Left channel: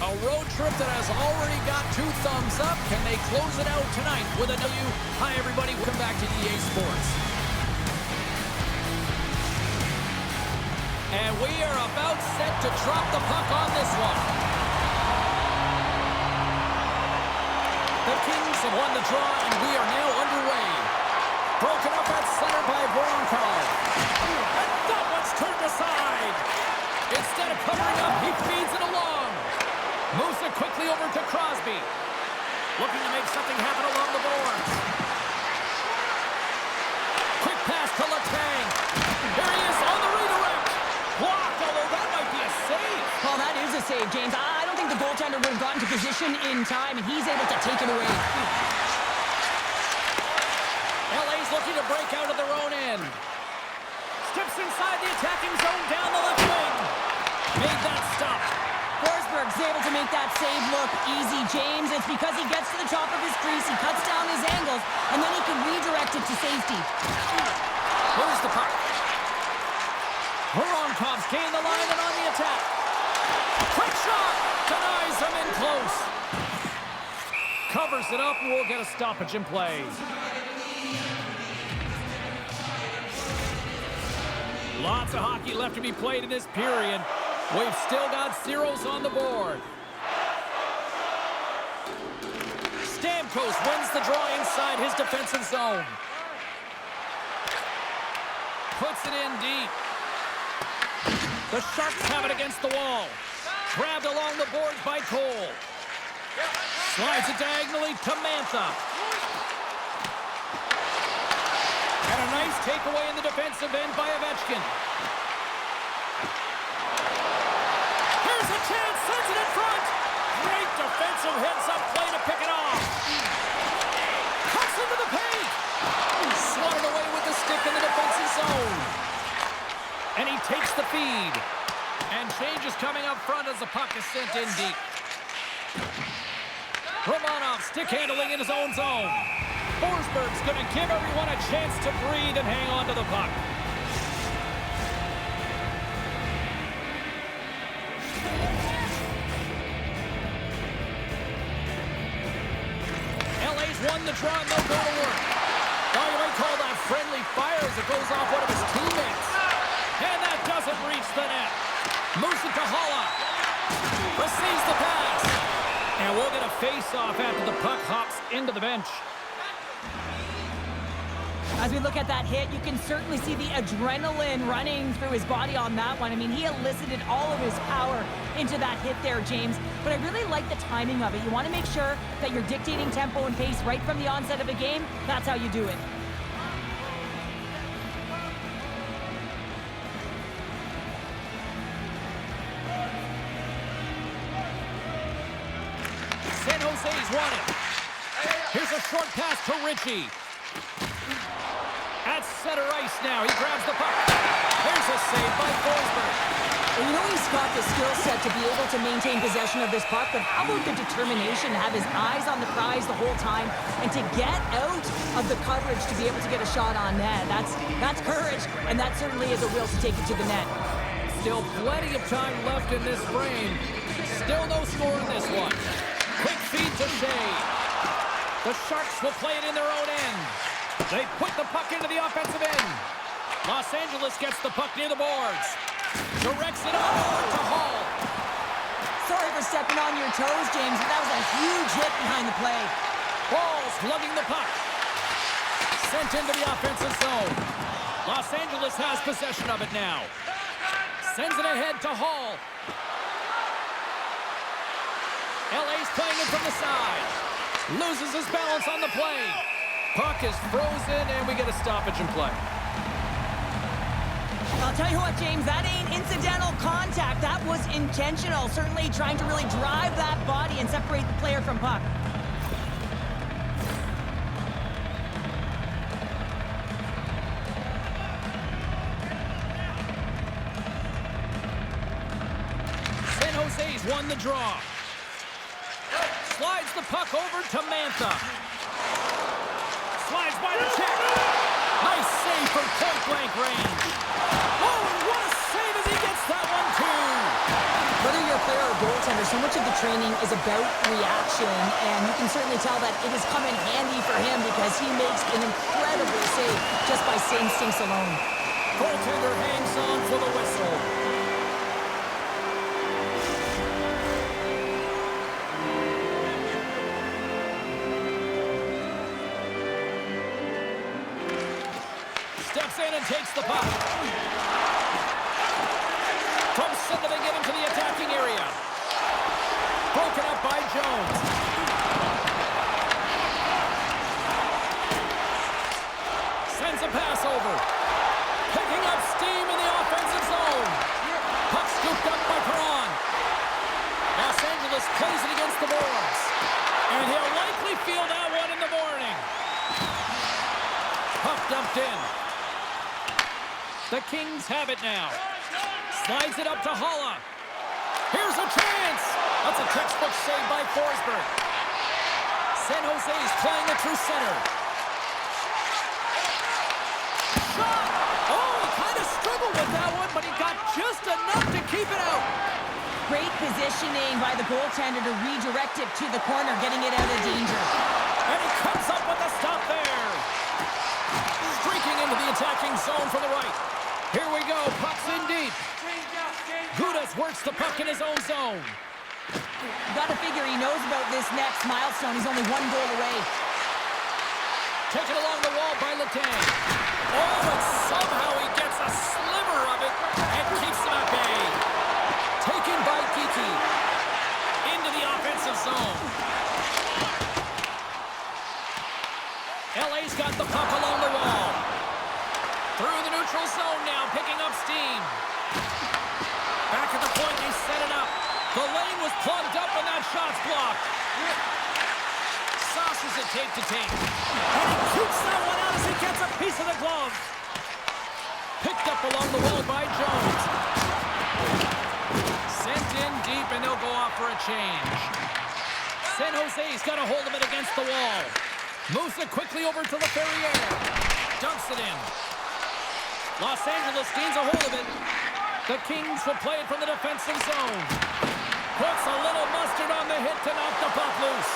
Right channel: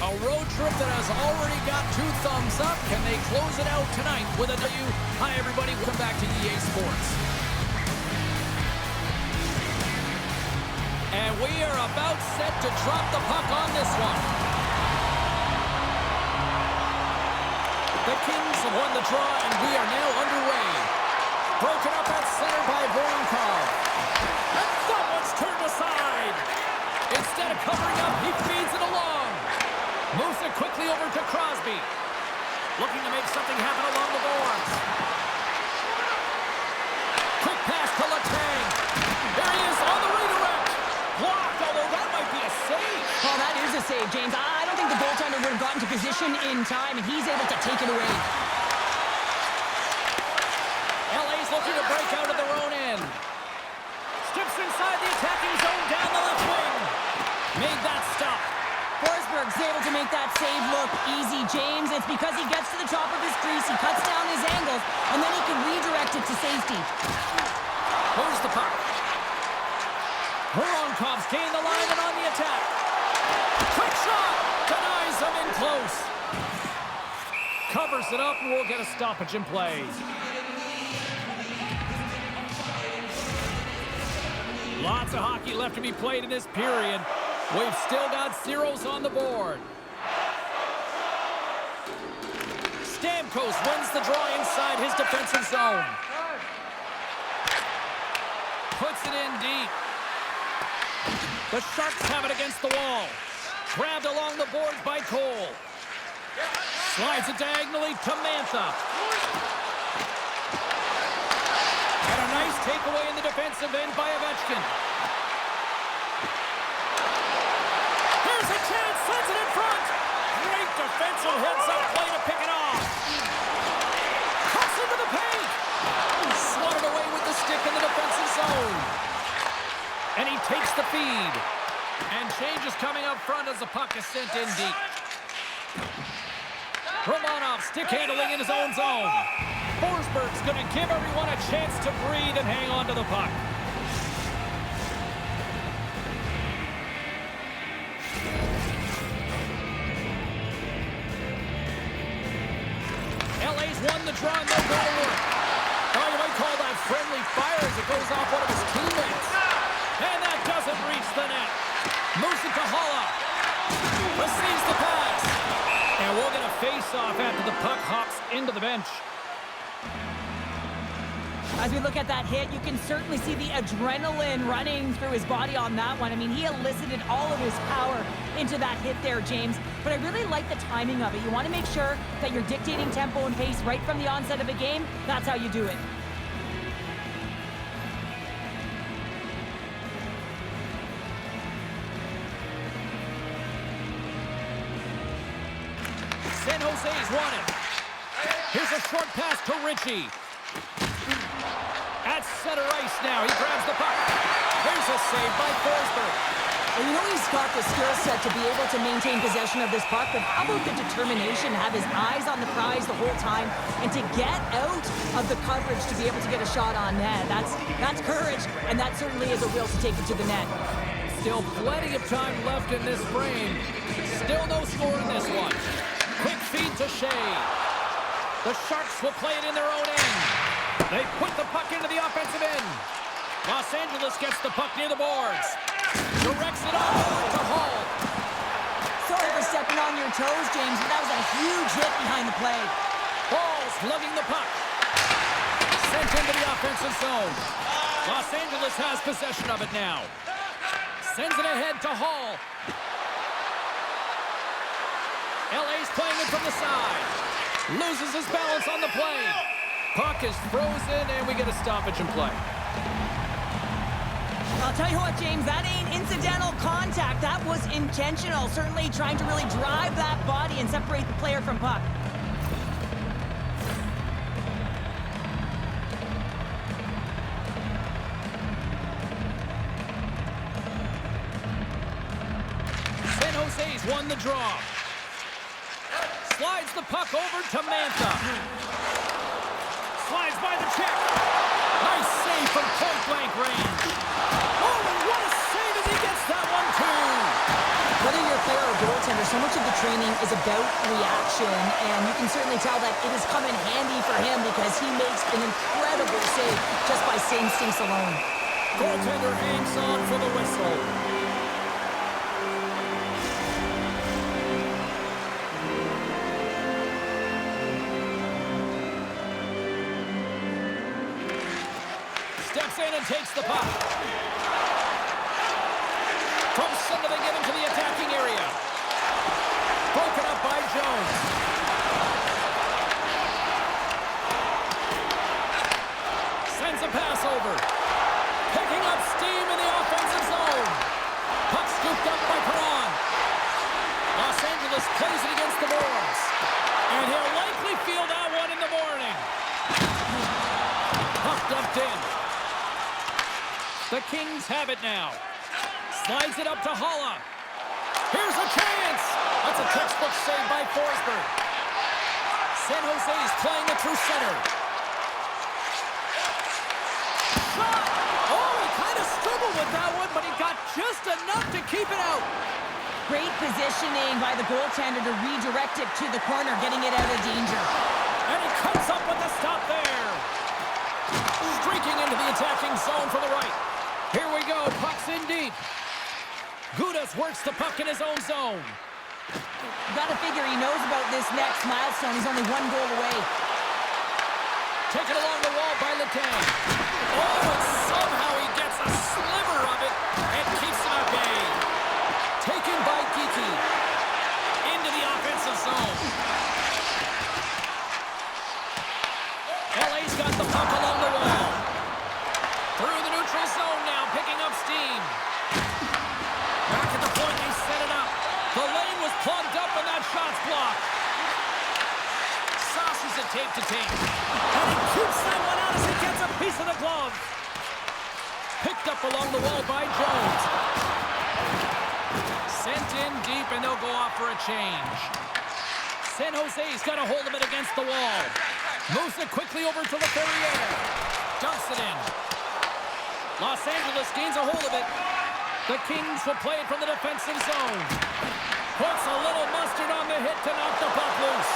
A road trip that has already got 2 thumbs up. Can they close it out tonight with a W? Hi, everybody. Welcome back to EA Sports. And we are about set to drop the puck on this one. The Kings have won the draw, and we are now underway. Broken up at center by Voronkov. And that one's turned aside. Instead of covering up, he feeds it along. Moves it quickly over to Crosby. Looking to make something happen along the boards. Quick pass to Letang. Here he is on the redirect. Blocked, although that might be a save. Oh, that is a save, James. I don't think the goaltender would have gotten to position in time, and he's able to take it away. LA's looking to break out of their own end. Steps inside the attacking zone down the left wing. Made that stop. Forsberg's able to make that save look easy, James. It's because he gets to the top of his crease, he cuts down his angles, and then he can redirect it to safety. Moves the puck. Voronkov's gained the line and on the attack. Quick shot! Denies him in close. Covers it up, and we'll get a stoppage in play. Lots of hockey left to be played in this period. We've still got zeros on the board. Stamkos wins the draw inside his defensive zone. Puts it in deep. The Sharks have it against the wall. Grabbed along the boards by Cole. Slides it diagonally to Mantha. And a nice takeaway in the defensive end by Ovechkin. Here's a chance, sends it in front. Great defensive heads-up play to pick it off. Cuts into the paint. Swatted away with the stick in the defensive zone. And he takes the feed. And change is coming up front as the puck is sent in deep. Romanov stick handling in his own zone. Forsberg's going to give everyone a chance to breathe and hang on to the puck. LA's won the draw and they'll go to work. Oh, you might call that friendly fire as it goes off one of his teammates. And that doesn't reach the net. Moves it to Haula. Receives the pass. And we'll get a face-off after the puck hops into the bench. As we look at that hit, you can certainly see the adrenaline running through his body on that one. I mean, he elicited all of his power into that hit there, James. But I really like the timing of it. You want to make sure that you're dictating tempo and pace right from the onset of a game. That's how you do it. San Jose's won it. Here's a short pass to Ritchie. At center ice now. He grabs the puck. Here's a save by Forsberg. Well, you know he's got the skill set to be able to maintain possession of this puck, but how about the determination to have his eyes on the prize the whole time and to get out of the coverage to be able to get a shot on net? That's courage, and that certainly is a will to take it to the net. Still plenty of time left in this frame. Still no score in this one. Quick feed to Shea. The Sharks will play it in their own end. They put the puck into the offensive end. Los Angeles gets the puck near the boards. Directs it on over to Hall. Sorry for stepping on your toes, James, but that was a huge hit behind the play. Hall's lugging the puck. Sent into the offensive zone. Los Angeles has possession of it now. Sends it ahead to Hall. LA's playing it from the side. Loses his balance on the play. Puck is frozen, and we get a stoppage in play. I'll tell you what, James, that ain't incidental contact. That was intentional. Certainly trying to really drive that body and separate the player from puck. San Jose's won the draw. Slides the puck over to Mantha. Slides by the check. Nice save from point-blank range. Oh, what a save as he gets that one, too. Whether you're a player or goaltender, so much of the training is about reaction, and you can certainly tell that it has come in handy for him because he makes an incredible save just by instincts alone. Goaltender hangs on for the whistle. Steps in and takes the puck. From center, they get into the attacking area. Broken up by Jones. Sends a pass over. Picking up steam in the offensive zone. Puck scooped up by Perron. Los Angeles plays it against the boards. And he'll likely feel that one in the morning. Puck dumped in. The Kings have it now. Slides it up to Holla. Here's a chance. That's a textbook save by Forsberg. San Jose's playing it through center. Shot! Oh, he kind of struggled with that one, but he got just enough to keep it out. Great positioning by the goaltender to redirect it to the corner, getting it out of danger. And he comes up with the stop there. Streaking into the attacking zone for the right. Here we go, puck's in deep. Gudas works the puck in his own zone. You gotta figure he knows about this next milestone. He's only one goal away. Taken along the wall by Letang. Oh, and somehow he gets a sliver of it and keeps him at bay. Taken by Geekie. Into the offensive zone. LA's got the puck along the wall. Through the neutral zone now, picking up steam. Back at the point, they set it up. The lane was plugged up and that shot's blocked. Saucers it tape to tape. And he keeps that one out as he gets a piece of the glove. Picked up along the wall by Jones. Sent in deep and they'll go off for a change. San Jose's got a hold of it against the wall. Moves it quickly over to LaFerriere. Dumps it in. Los Angeles gains a hold of it. The Kings will play it from the defensive zone. Puts a little mustard on the hit to knock the puck loose.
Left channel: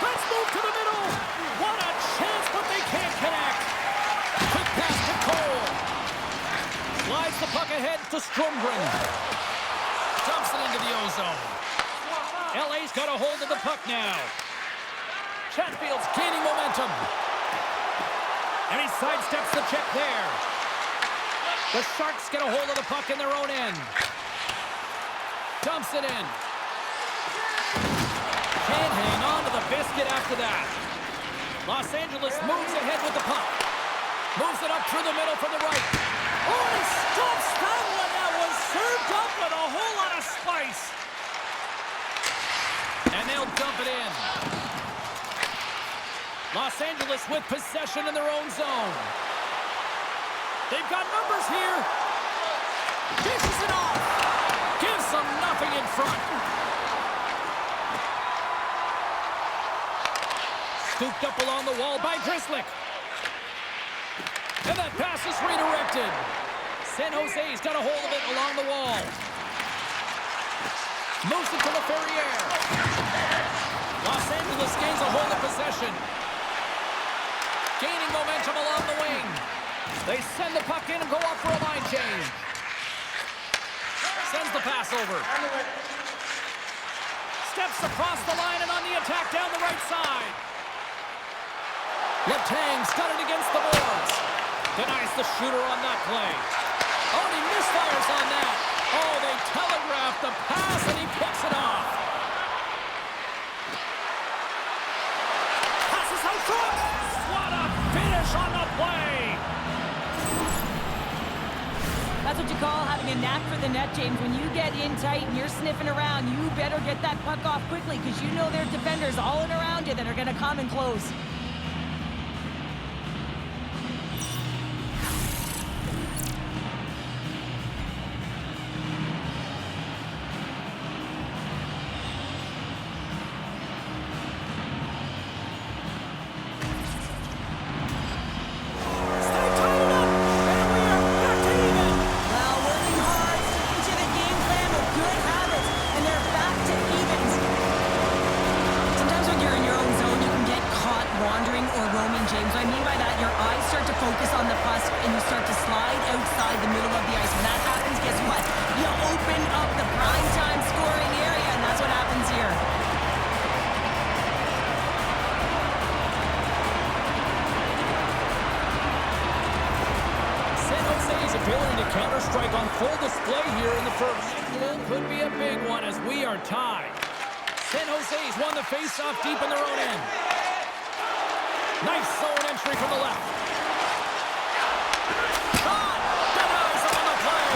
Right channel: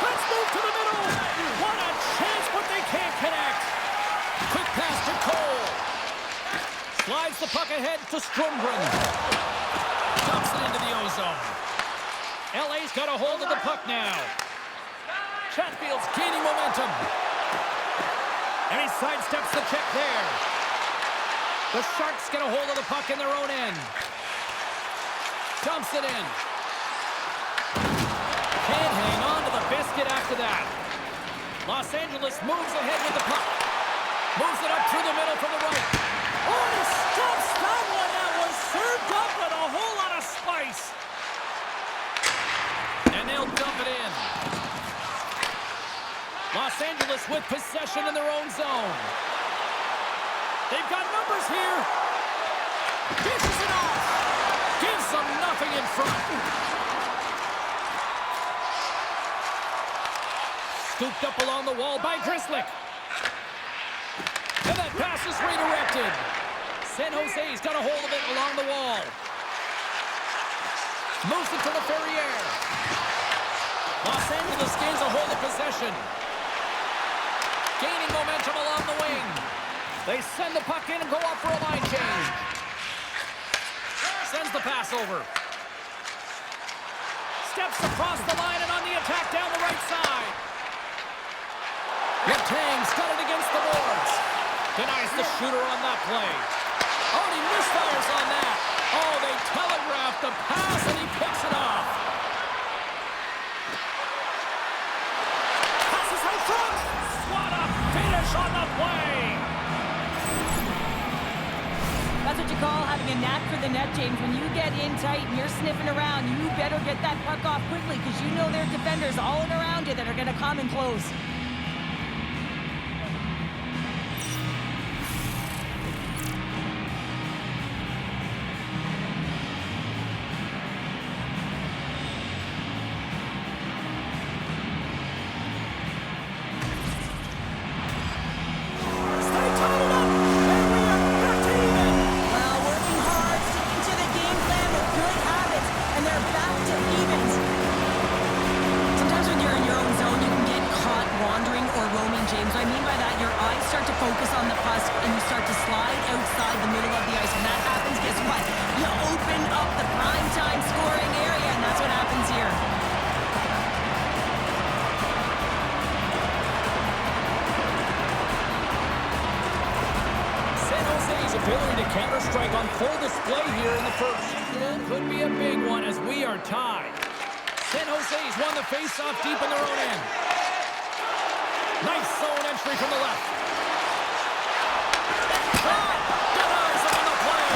Let's move to the middle. What a chance, but they can't connect. Quick pass to Cole. Slides the puck ahead to Strumgren. Dumps it into the O-zone. LA's got a hold of the puck now. Chatfield's gaining momentum. And he sidesteps the check there. The Sharks get a hold of the puck in their own end. Dumps it in. Can't hang on to the biscuit after that. Los Angeles moves ahead with the puck. Moves it up through the middle from the right. Oh, and he stops that one. That was served up with a whole lot of spice. And they'll dump it in. Los Angeles with possession in their own zone. They've got numbers here. Dishes it off. Gives them nothing in front. Scooped up along the wall by Grzelcyk. And that pass is redirected. San Jose's got a hold of it along the wall. Moves it to LaFerriere. Los Angeles gains a hold of possession. Gaining momentum along the wing. They send the puck in and go off for a line change. Sends the pass over. Steps across the line and on the attack down the right side. Letang's got it against the boards. Denies the shooter on that play. Oh, and he misfires on that. Oh, they telegraphed the pass and he picks it off. Passes out front. What a finish on the play. That's what you call having a knack for the net, James. When you get in tight and you're sniffing around, you better get that puck off quickly because you know there are defenders all in around you that are going to come and close. Well, working hard, sticking to the game plan with good habits. wandering or roaming, James. What I mean by that, your eyes start to focus on the puck and you start to slide outside the middle of the ice. When that happens, guess what? You open up the prime time scoring area, and that's what happens here. San Jose's ability to counter-strike on full display here in the first. It could be a big one as we are tied. San Jose's won the face-off deep in their own end. Nice zone entry from the left. Shot! Denies him on the play.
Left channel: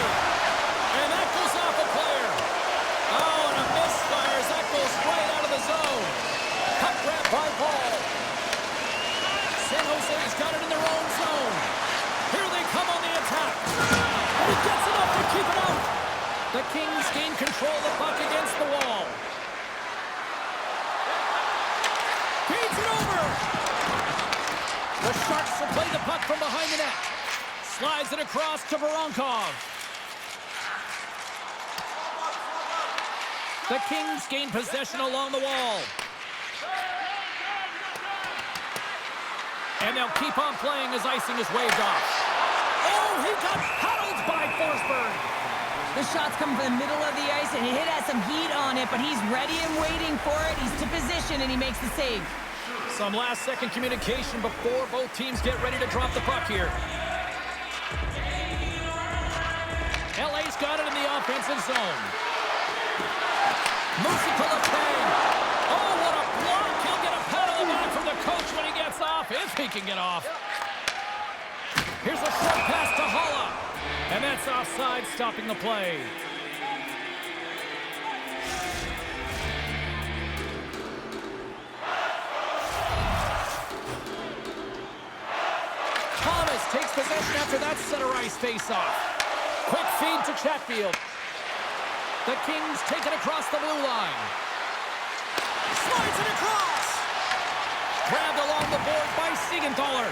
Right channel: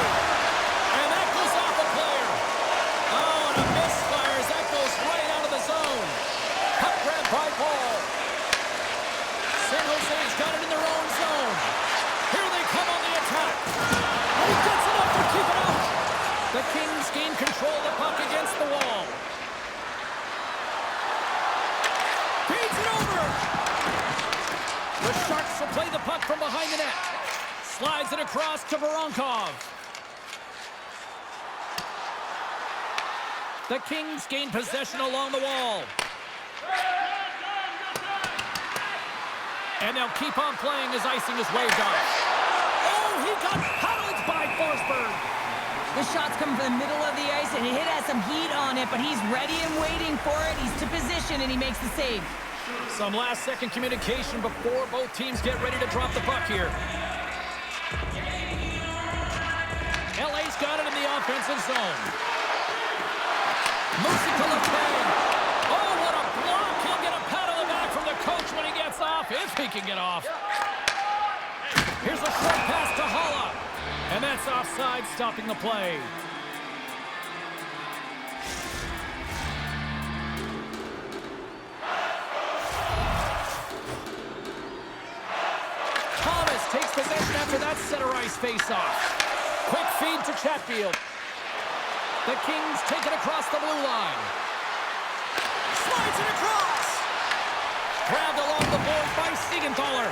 And that goes off a player. Oh, and a misfire as that goes right out of the zone. Puck grab by Paul. San Jose's got it in their own zone. Here they come on the attack. And he gets enough to keep it out. The Kings gain control of the puck against the wall. Feeds it over. The Sharks will play the puck from behind the net. Slides it across to Voronkov. The Kings gain possession along the wall. And they'll keep on playing as icing is waved off. Oh, he got paddled by Forsberg. The shot's coming from the middle of the ice, and it has some heat on it, but he's ready and waiting for it. He's to position, and he makes the save. Some last-second communication before both teams get ready to drop the puck here. LA's got it in the offensive zone. Moves it to Letang. Oh, what a block. He'll get a pat on the back from the coach when he gets off, if he can get off. Here's a short pass to Haula. And that's offside, stopping the play. Thomas takes possession after that center ice face-off. Quick feed to Chatfield. The Kings take it across the blue line. Slides it across. Grabbed along the board by Siegenthaler.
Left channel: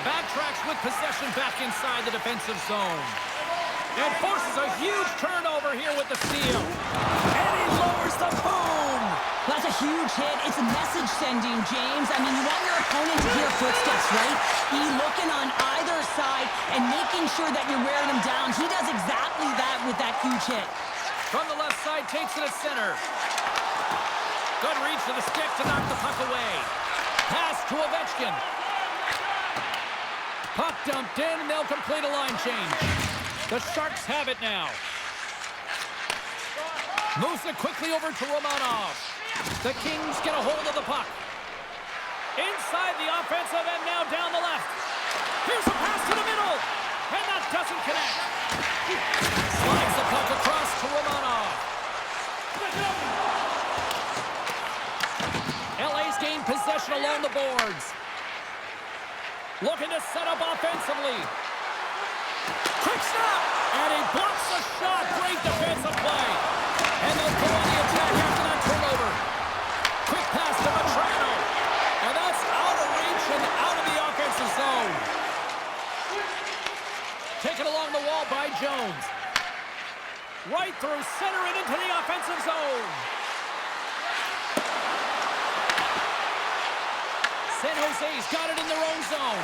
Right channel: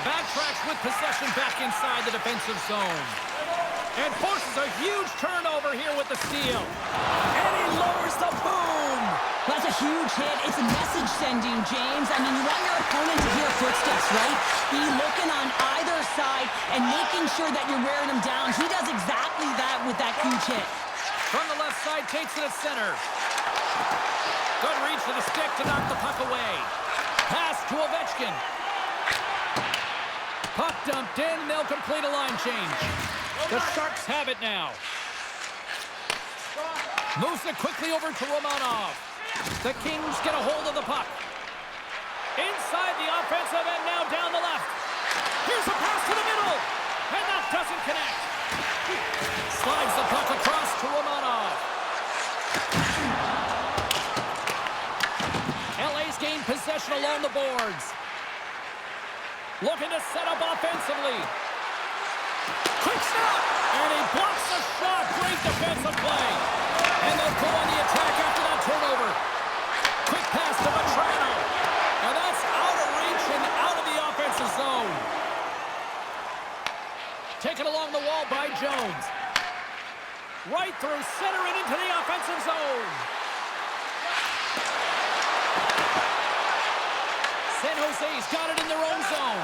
Backtracks with possession back inside the defensive zone. And forces a huge turnover here with the steal. And he lowers the boom. That's a huge hit. It's a message sending, James. I mean, you want your opponent to hear footsteps, right? Be looking on either side and making sure that you're wearing them down. He does exactly that with that huge hit. From the left side, takes it at center. Good reach to the stick to knock the puck away. Pass to Ovechkin. Puck dumped in, and they'll complete a line change. The Sharks have it now. Moves it quickly over to Romanov. The Kings get a hold of the puck. Inside the offensive end, now down the left. Here's a pass to the middle, and that doesn't connect. Slides the puck across to Romanov. LA's gained possession along the boards. Looking to set up offensively. Quick snap! And he blocks the shot. Great defensive play. And they'll go on the attack after that turnover. Quick pass to Matrano. And that's out of reach and out of the offensive zone. Taken along the wall by Jones. Right through center and into the offensive zone. San Jose's got it in their own zone.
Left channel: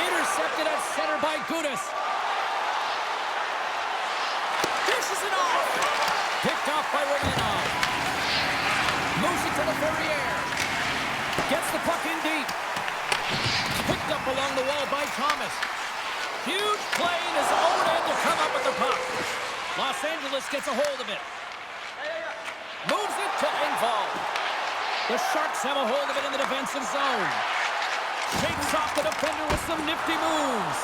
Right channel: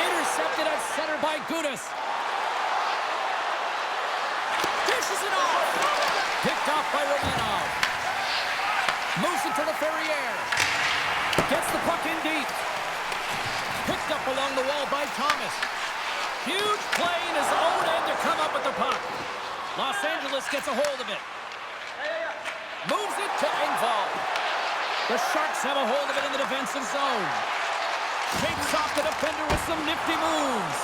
Intercepted at center by Gudas. Dishes it off. Picked off by Romanov. Moves it to the Ferrier. Gets the puck in deep. Picked up along the wall by Thomas. Huge play in his own end to come up with the puck. Los Angeles gets a hold of it. Moves it to Engvall. The Sharks have a hold of it in the defensive zone. Shakes off the defender with some nifty moves.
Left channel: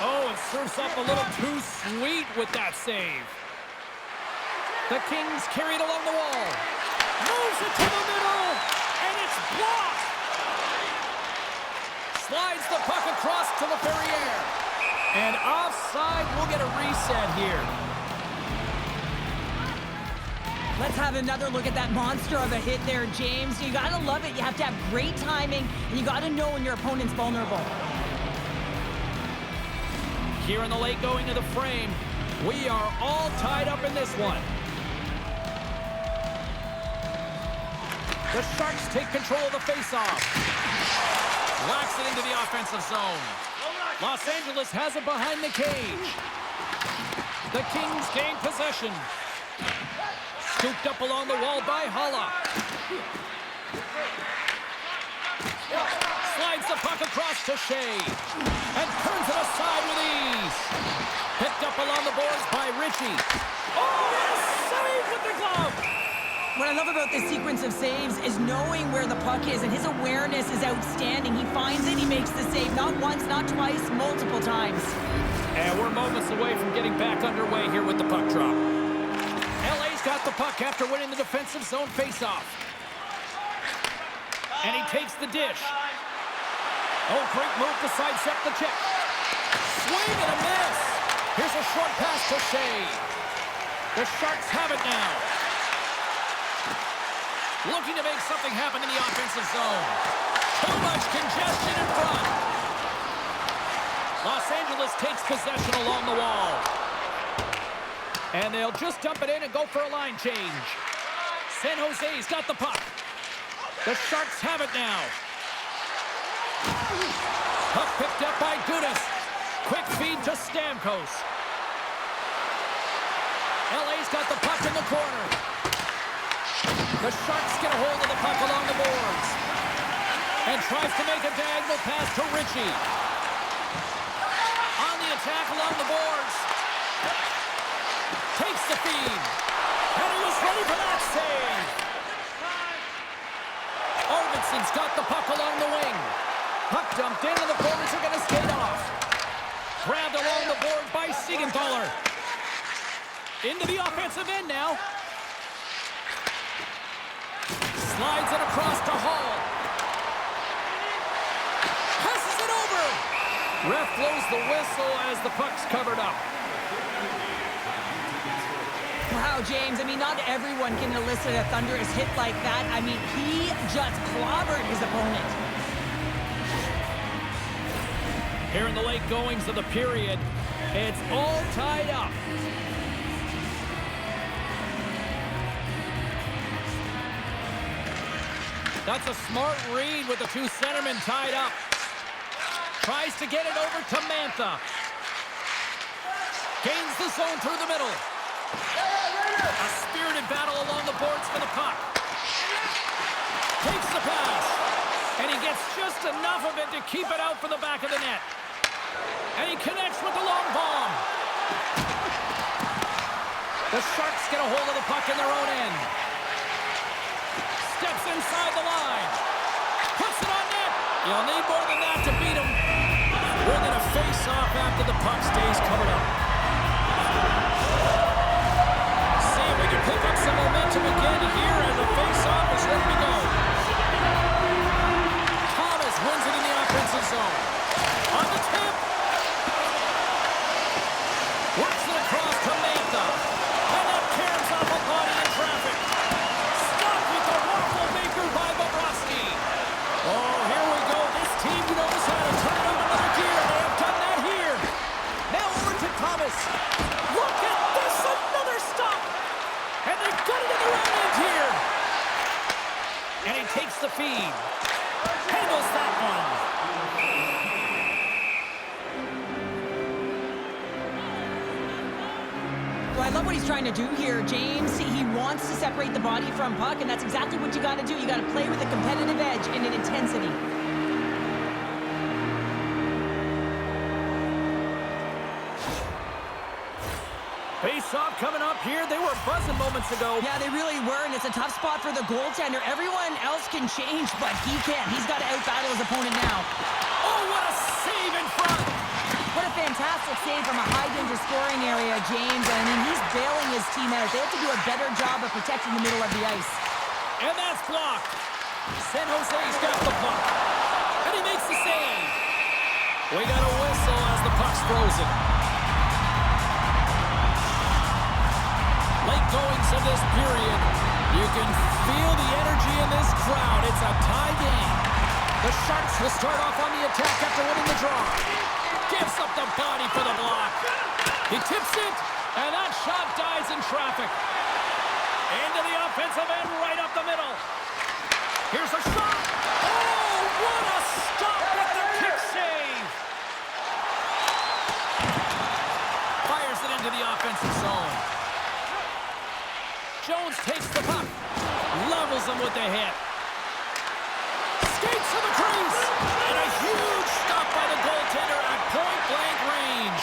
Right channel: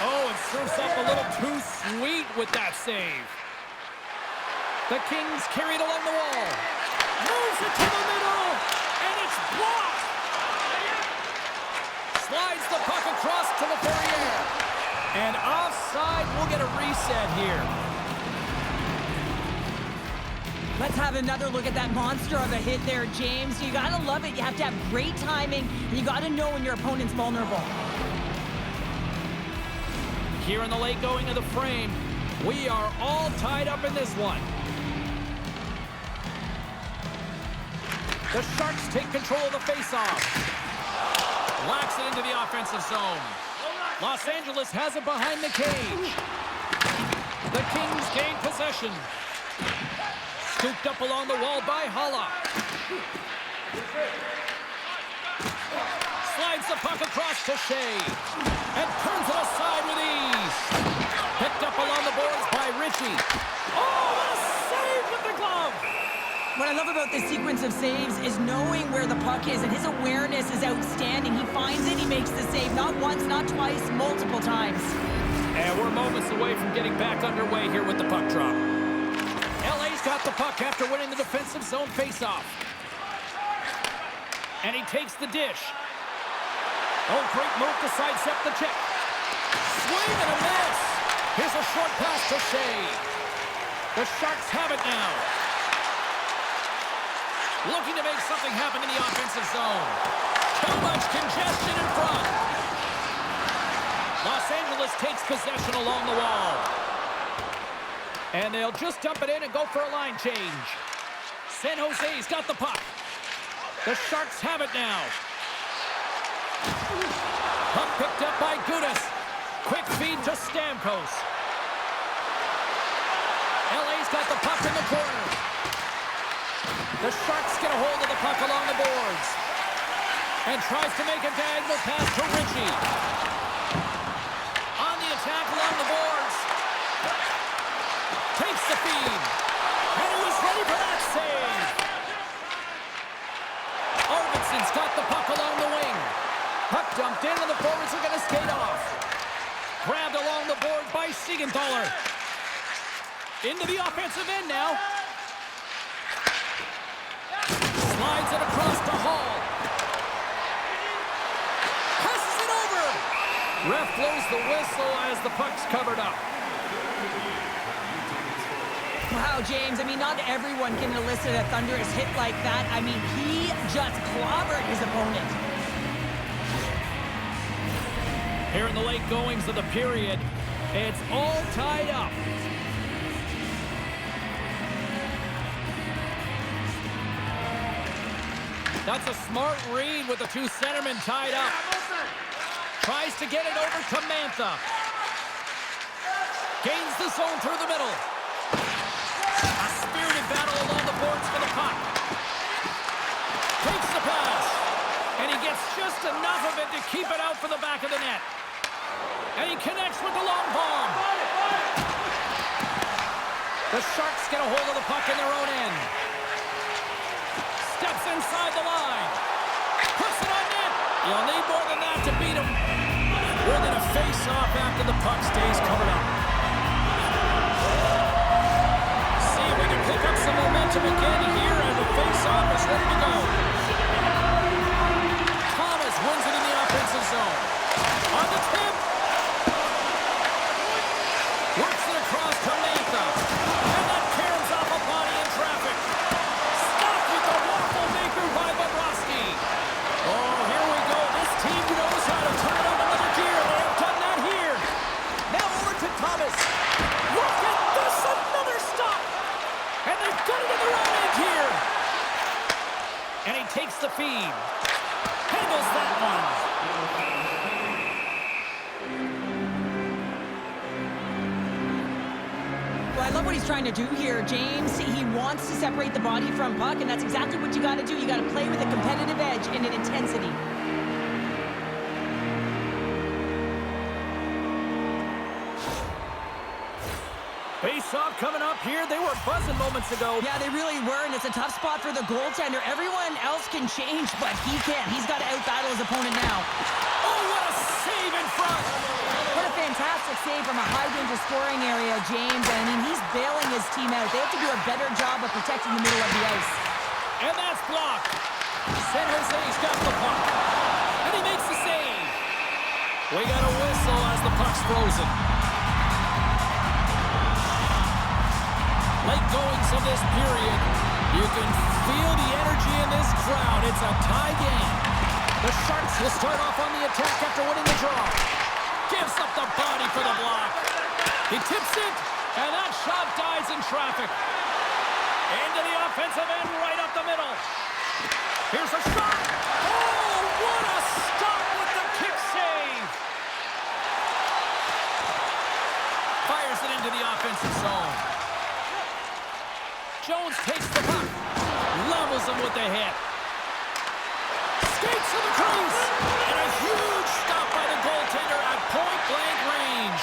Oh, and serves up a little too sweet with that save. The Kings carry it along the wall. Moves it to the middle, and it's blocked. Slides the puck across to the Ferrier. And offside, we'll get a reset here. Let's have another look at that monster of a hit there, James. You got to love it. You have to have great timing, and you got to know when your opponent's vulnerable. Here in the late going of the frame, we are all tied up in this one. The Sharks take control of the faceoff. Locks it into the offensive zone. Los Angeles has it behind the cage. The Kings gain possession. Scooped up along the wall by Haula. Slides the puck across to Shea. And turns it aside with ease. Picked up along the boards by Ritchie. Oh, what a save with the glove! What I love about this sequence of saves is knowing where the puck is, and his awareness is outstanding. He finds it, he makes the save. Not once, not twice, multiple times. And we're moments away from getting back underway here with the puck drop. LA's got the puck after winning the defensive zone faceoff. And he takes the dish. Oh, great move to sidestep the check. Swing and a miss. Here's a short pass to Shea. The Sharks have it now. Looking to make something happen in the offensive zone. Too much congestion in front. Los Angeles takes possession along the wall. And they'll just dump it in and go for a line change. San Jose's got the puck. The Sharks have it now. Puck picked up by Gudas. Quick feed to Stamkos. LA's got the puck in the corner. The Sharks get a hold of the puck along the boards. And tries to make a diagonal pass to Ritchie. On the attack along the boards. Takes the feed. And he was ready for that save. Arvidsson's got the puck along the wing. Puck dumped in and the forwards are going to skate off. Grabbed along the board by Siegenthaler. Into the offensive end now. Slides it across to Hall. Passes it over. Ref blows the whistle as the puck's covered up. Wow, James, I mean, not everyone can elicit a thunderous hit like that. I mean, he just clobbered his opponent. Here in the late goings of the period, it's all tied up. That's a smart read with the two centermen tied up. Tries to get it over to Mantha. Gains the zone through the middle. A spirited battle along the boards for the puck. Takes the pass. And he gets just enough of it to keep it out for the back of the net. And he connects with the long bomb. The Sharks get a hold of the puck in their own end. Steps inside the line. Puts it on net. You'll need more than that to beat him. We're going to face off after the puck stays covered up. See if we can pick up some momentum again here as the face-off is ready to go. Thomas wins it in the offensive zone. On the tip. Works it across to Mantha. And that caroms off a body in traffic. Stopped with the waffle maker by Bobrovsky. Oh, here we go. This team knows how to turn it up another gear. They have done that here. Now over to Thomas. Look at this. Another stop. And they've got it in their own end here. And he takes the feed. Handles that one. Well, I love what he's trying to do here, James. He wants to separate the body from puck, and that's exactly what you got to do. You got to play with a competitive edge and an intensity. Face-off coming up here. They were buzzing moments ago. Yeah, they really were, and it's a tough spot for the goaltender. Everyone else can change, but he can't. He's got to out-battle his opponent now. Oh, what a save in front! What a fantastic save from a high-danger scoring area, James. I mean, he's bailing his team out. They have to do a better job of protecting the middle of the ice. And that's blocked. San Jose's got the puck. And he makes the save. We got a whistle as the puck's frozen. Late goings of this period. You can feel the energy in this crowd. It's a tie game. The Sharks will start off on the attack after winning the draw. Gives up the body for the block. He tips it, and that shot dies in traffic. Into the offensive end, right up the middle. Here's a shot. Oh, what a stop with the kick save. Fires it into the offensive zone. Jones takes the puck. Levels him with the hit. Skates to the crease. And a huge stop by the goaltender at point-blank range.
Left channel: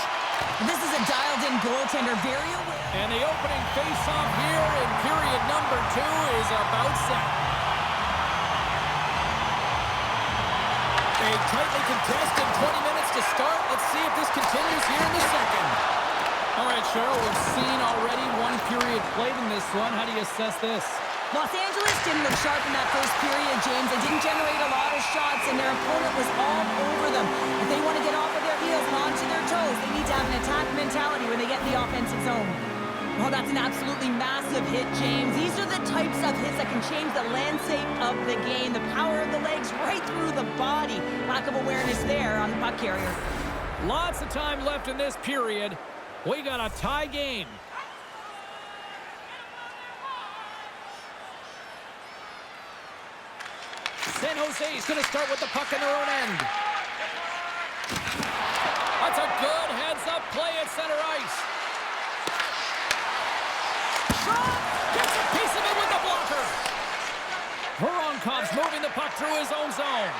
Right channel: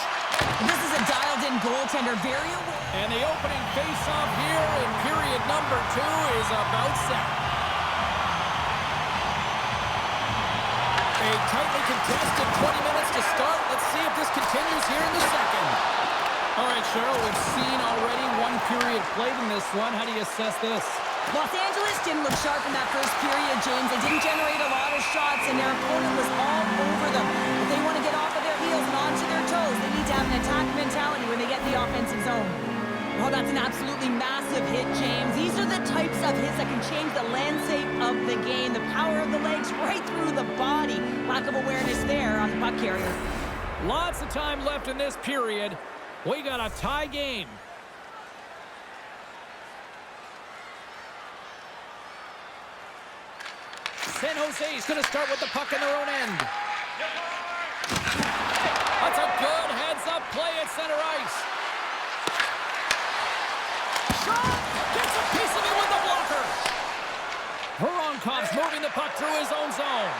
This is a dialed-in goaltender, very aware. And the opening face-off here in period number 2 is about set. A tightly contested 20 minutes to start. Let's see if this continues here in the second. All right, Cheryl, we've seen already one period played in this one. How do you assess this? Los Angeles didn't look sharp in that first period, James. They didn't generate a lot of shots, and their opponent was all over them. If they want to get off of their heels and onto their toes, they need to have an attack mentality when they get in the offensive zone. Oh, that's an absolutely massive hit, James. These are the types of hits that can change the landscape of the game. The power of the legs right through the body. Lack of awareness there on the puck carrier. Lots of time left in this period. We got a tie game. San Jose is going to start with the puck in their own end. That's a good heads-up play at center ice. Shot! Gets a piece of it with the blocker. Voronkov's moving the puck through his own zone.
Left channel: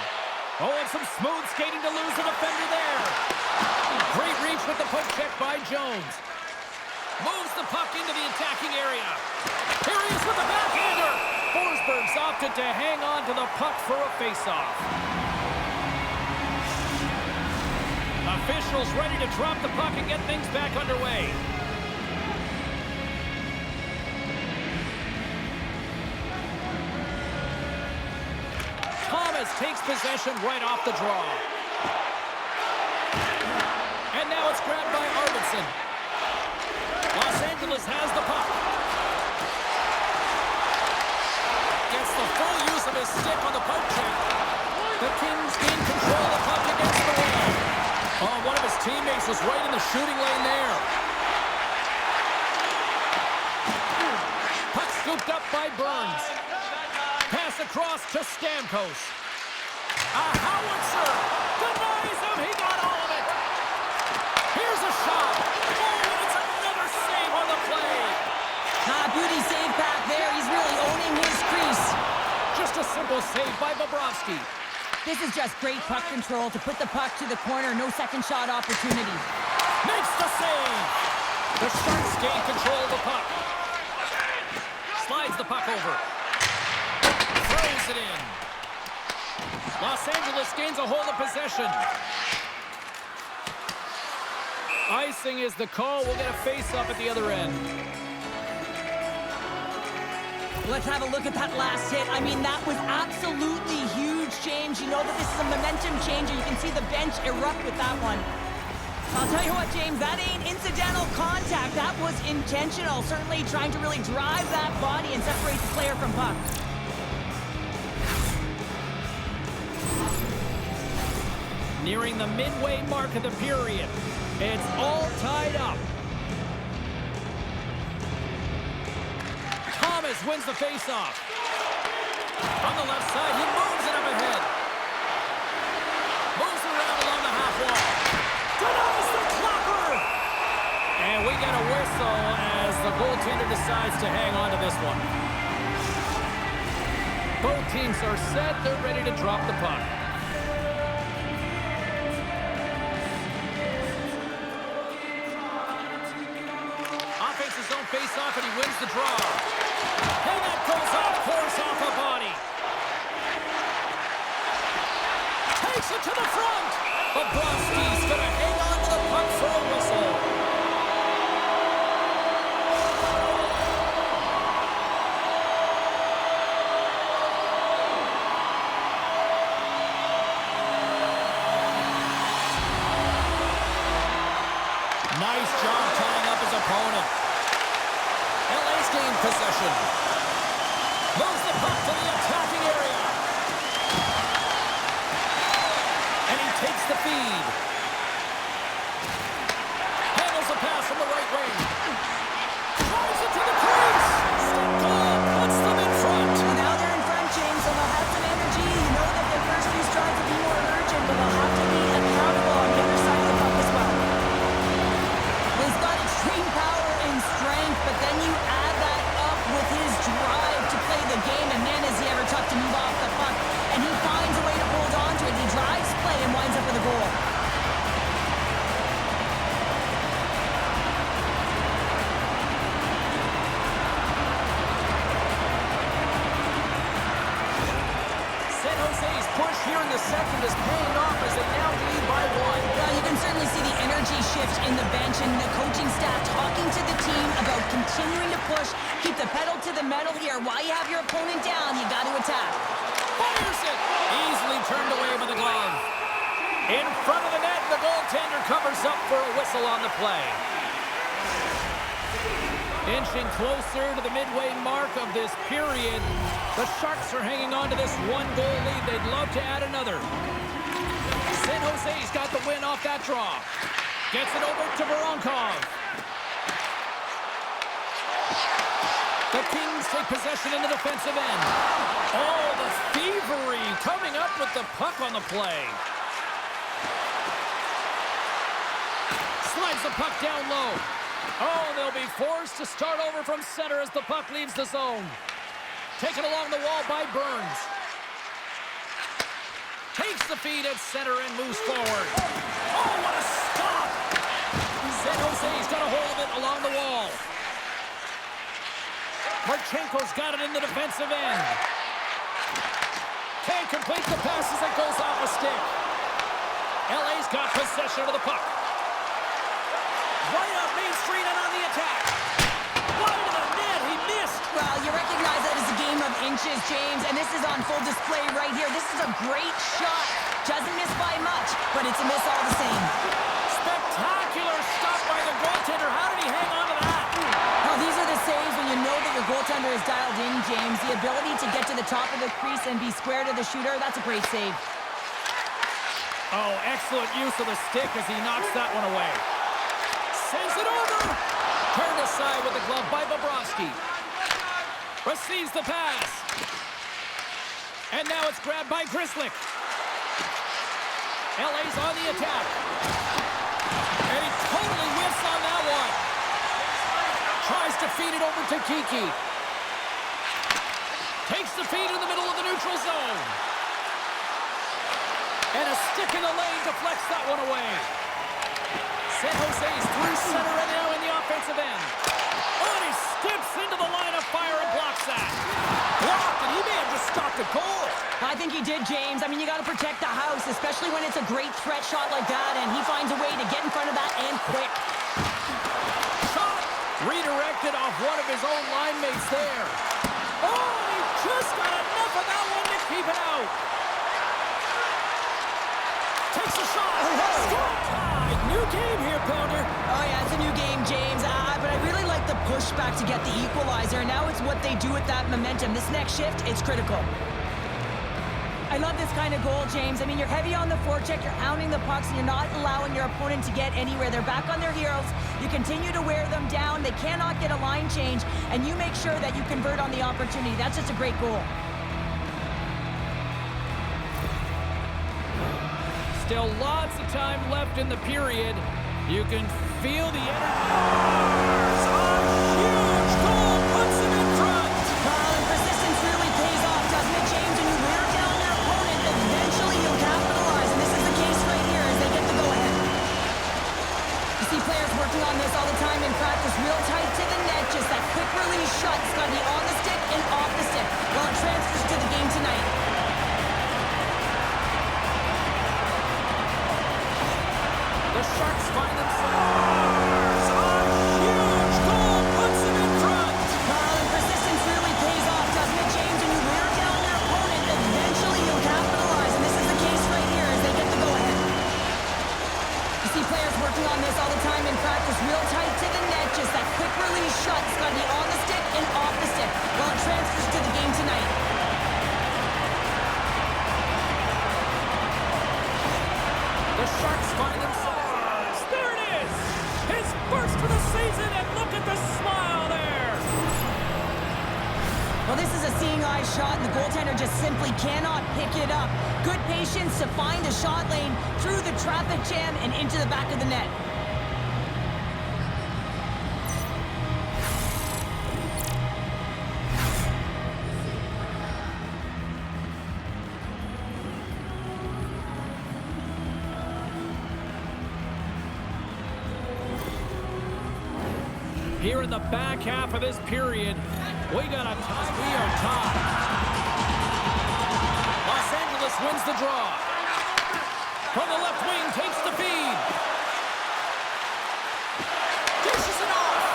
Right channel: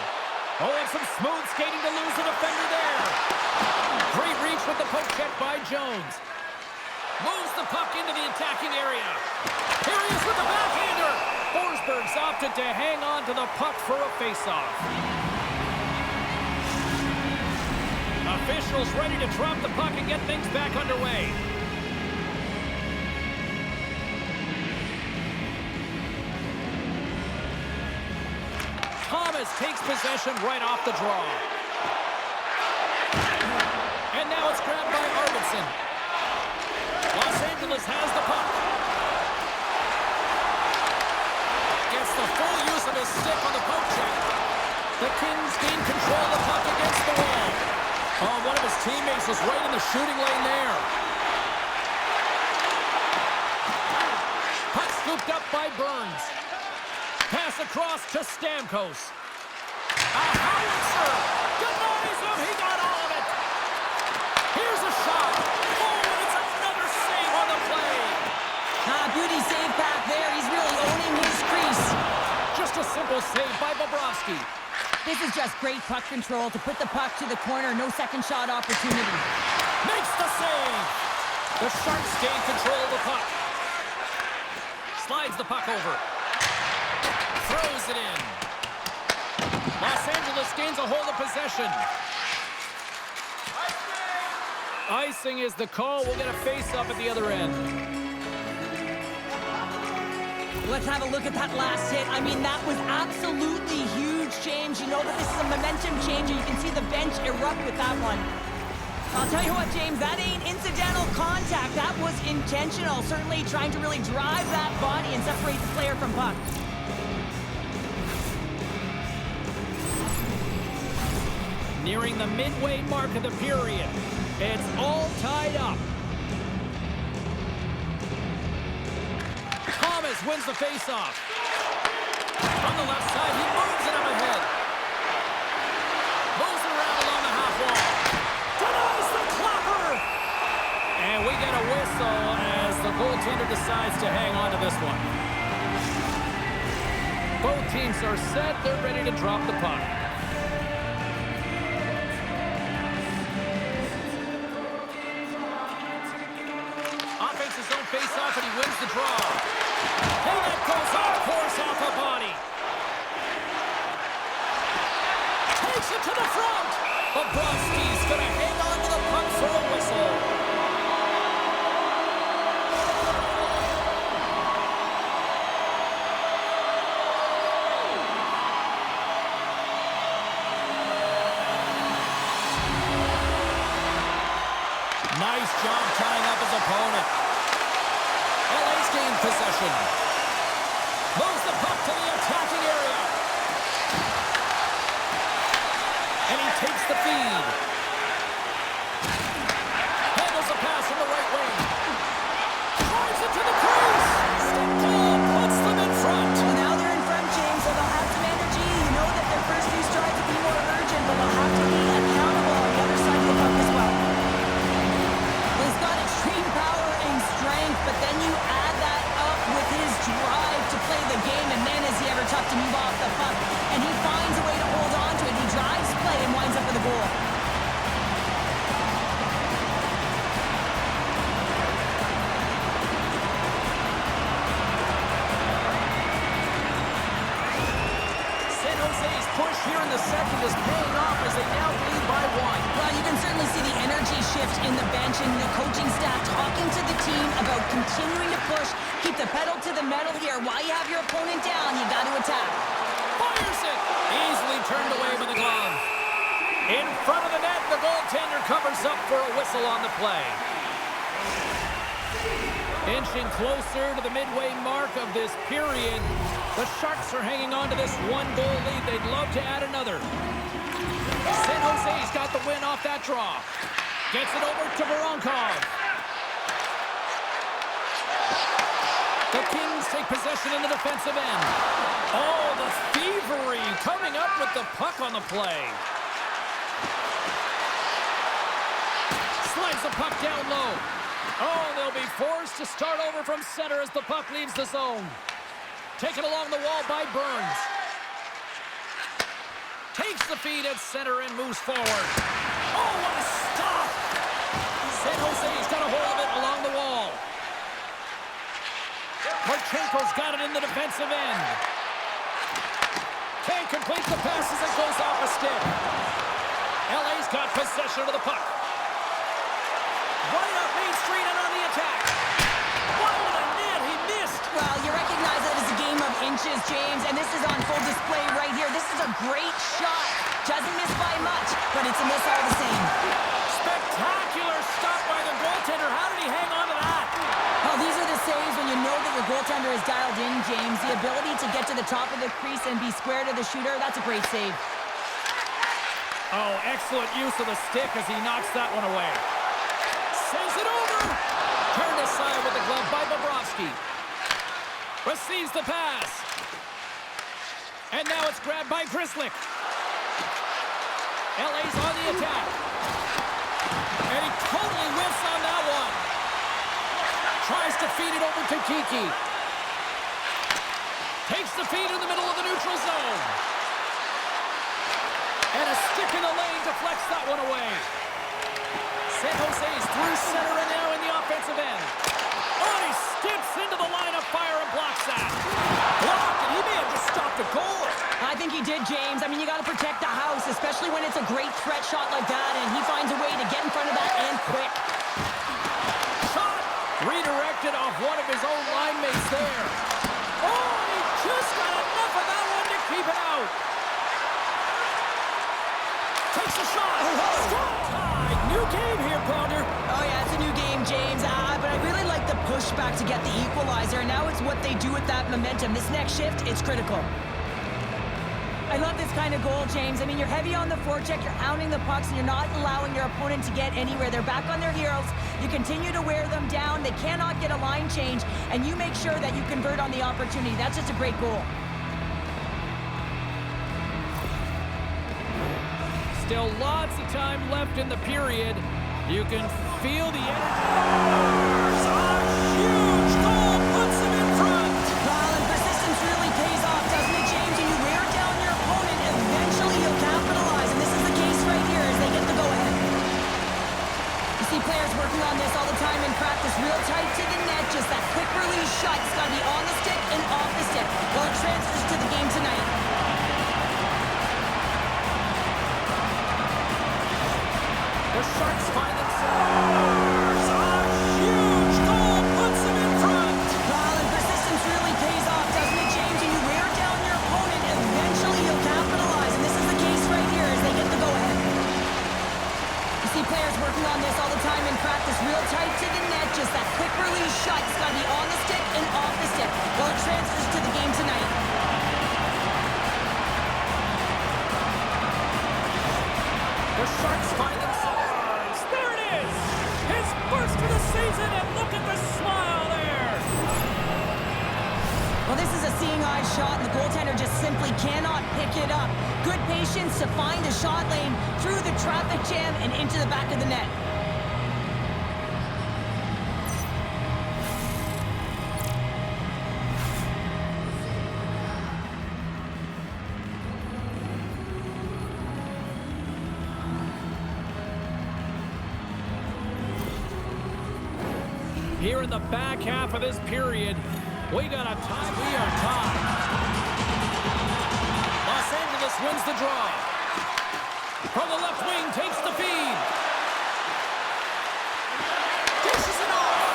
Oh, and some smooth skating to lose the defender there. Great reach with the poke check by Jones. Moves the puck into the attacking area. Here he is with the backhander. Forsberg's opted to hang on to the puck for a faceoff. Officials ready to drop the puck and get things back underway. Thomas takes possession right off the draw. And now it's grabbed by Arvidsson. Los Angeles has the puck. Gets the full use of his stick on the poke check. The Kings gain control of the puck against the wall. Oh, one of his teammates was right in the shooting lane there. Puck scooped up by Burns. Pass across to Stamkos. A howitzer. Denies him. He got all of it. Here's a shot. Oh, and it's another save on the play. Beauty save back there. He's really owning his crease. Just a simple save by Bobrovsky. This is just great puck control to put the puck to the corner. No second shot opportunity. Makes the save. The Sharks gain control of the puck. Slides the puck over. Throws it in. Los Angeles gains a hold of possession. Icing is the call. We'll get a face-up at the other end. Let's have a look at that last hit. I mean, that was absolutely huge, James. You know that this is a momentum changer. You can see the bench erupt with that one. I'll tell you what, James, that ain't incidental contact. That was intentional. Certainly trying to really drive that body and separate the player from puck. Nearing the midway mark of the period. It's all tied up. Thomas wins the faceoff. On the left side, he moves it up ahead. Moves it around along the half wall. Denies the clocker! And we get a whistle as the goaltender decides to hang on to this one. Both teams are set. They're ready to drop the puck. Offense his own face-off, and he wins the draw. And that goes off course off a body. Takes it to the front. Bobrovsky's going to hang on to the puck for a whistle. Nice job tying up his opponent. LA's gained possession. Moves the puck to the attacking area. And he takes the feed. Handles the pass from the right wing. Drives it to the crease. Stick goal puts them in front. Well, now they're in front, James, so they'll have to make first few strides will be more urgent, but they'll have to be accountable on the other side of the puck as well. Well, he's got extreme power and strength, but then you add that up with his drive to play the game, and man, is he ever tough to move off the puck. And he finds a way to hold on to it. He drives play and winds up with a goal. Jose's push here in the second is paying off as they now lead by 1. Well, you can certainly see the energy shift in the bench and the coaching staff talking to the team about continuing to push, keep the pedal to the metal here. While you have your opponent down, you got to attack. Fires it! Easily turned away by the glove. In front of the net, the goaltender covers up for a whistle on the play. Inching closer to the midway mark of this period, the Sharks are hanging on to this one-goal lead. They'd love to add another. San Jose's got the win off that draw. Gets it over to Voronkov. The Kings take possession in the defensive end. Oh, the thievery coming up with the puck on the play. Slides the puck down low. Oh, they'll be forced to start over from center as the puck leaves the zone. Taken along the wall by Burns. Takes the feed at center and moves forward. Oh, what a stop! San Jose's got a hold of it along the wall. Marchenko's got it in the defensive end. Can't complete the pass as it goes off a stick. LA's got possession of the puck. Right up Main Street and on the attack. Wide of the net, he missed. Well, you recognize that it's a game of inches, James, and this is on full display right here. This is a great shot. Doesn't miss by much, but it's a miss all the same. Spectacular stop by the goaltender. How did he hang on to that? Well, these are the saves when you know that your goaltender is dialed in, James. The ability to get to the top of the crease and be square to the shooter, that's a great save. Oh, excellent use of the stick as he knocks that one away. Sends it over. Turned aside with the glove by Bobrovsky. Receives the pass. And now it's grabbed by Grzelcyk. LA's on the attack. And he totally whiffs on that one. Tries to feed it over to Kiki. Takes the feed in the middle of the neutral zone. And a stick in the lane deflects that one away. San Jose's through center and now in the offensive end. Oh, and he steps into the line of fire and blocks that. Blocked, and he may have just stopped the goal. I think he did, James. I mean, you got to protect the house, especially when it's a great threat shot like that, and he finds a way to get in front of that and quick. Shot redirected off one of his own line mates there. Oh, and he just got enough of that one to keep it out. Takes a shot. Strong tide. New game here, Pounder. Oh, yeah, it's a new game, James. But I really like the pushback to get the equalizer. Now it's what they do with that momentum. This next shift, it's critical. I love this kind of goal, James. I mean, you're heavy on the forecheck, you're hounding the pucks, and you're not allowing your opponent to get anywhere. They're back on their heels. You continue to wear them down. They cannot get a line change, and you make sure that you convert on the opportunity. That's just a great goal. Still lots of time left in the period. You can feel the energy. A huge goal puts him in front. Well, and persistence really pays off, doesn't it, James? When you wear down your opponent, eventually you'll capitalize, and this is the case right here as they get the go-ahead. You see players working on this all the time in practice, real tight to the net, just that quick release shot. It's got to be on the stick and off the stick. Well, it transfers to the game tonight. The Sharks find themselves. A huge goal puts them in front. Well, and persistence really pays off, doesn't it, James? When you wear down your opponent, eventually you'll capitalize, and this is the case right here as they get the go-ahead. You see players working on this all the time in practice, real tight to the net, just that quick release shot. It's got to be on the stick and off the stick. Well, it transfers to the game tonight. The Sharks find themselves. There it is! His first for the season, and look at the smile there! Well, this is a seeing eye shot, and the goaltender just simply cannot pick it up. Good patience to find a shot lane through the traffic jam and into the back of the net. Here in the back half of this period, we got a tie. We are tied. Los Angeles wins the draw. From the left wing, takes the feed. Dishes it off.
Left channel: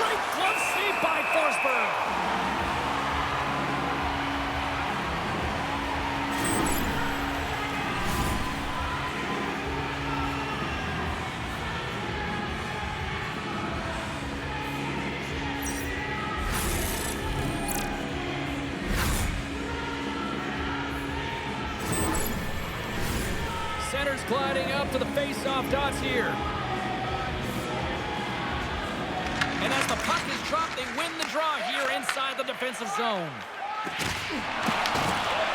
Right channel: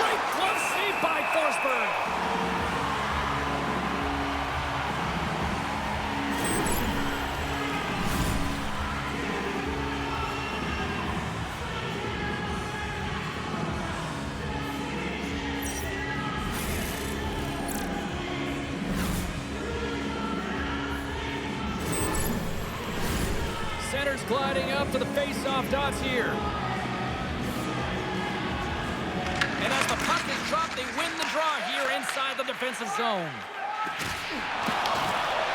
Great glove save by Forsberg. Center's gliding up to the face-off dots here. And as the puck is dropped, they win the draw here inside the defensive zone.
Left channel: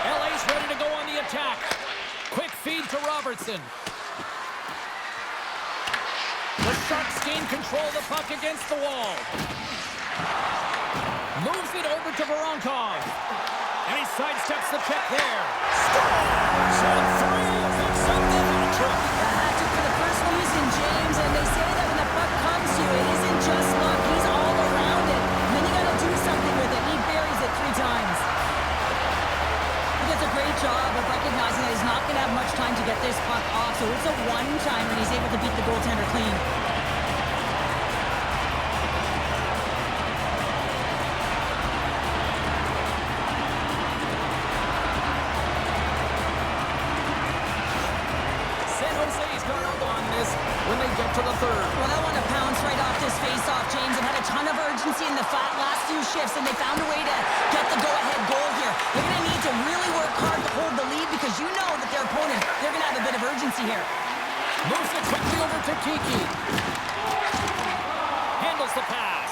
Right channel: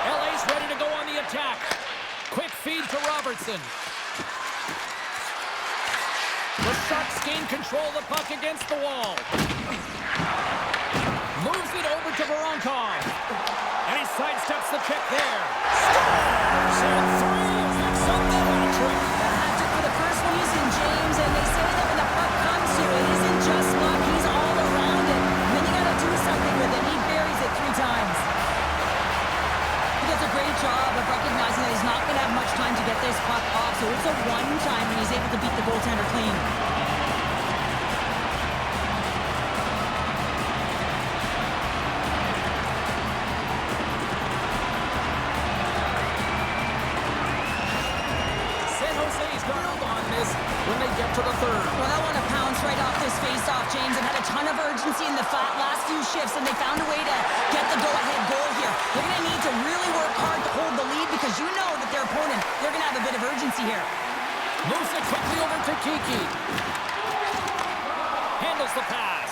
LA's ready to go on the attack. Quick feed to Robertson. The Sharks gain control of the puck against the wall. Moves it over to Voronkov. And he sidesteps the check there. Scores! And 3 picks up the hat trick. The hat trick for the first season, James, and they say that when the puck comes to you, it isn't just luck. He's all around it. And then you got to do something with it. He buries it 3 times. He does a great job of recognizing that he's not going to have much time to get this puck off, so it's a one-time when he's able to beat the goaltender clean. Jose's got up on this when they get to the third. Well, that one to pounce right off this face-off, James, and had a ton of urgency in the last few shifts, and they found a way to get the go-ahead goal here. They're going to need to really work hard to hold the lead because you know that their opponent, they're going to have a bit of urgency here. Moves it quickly over to Kiki. Handles the pass.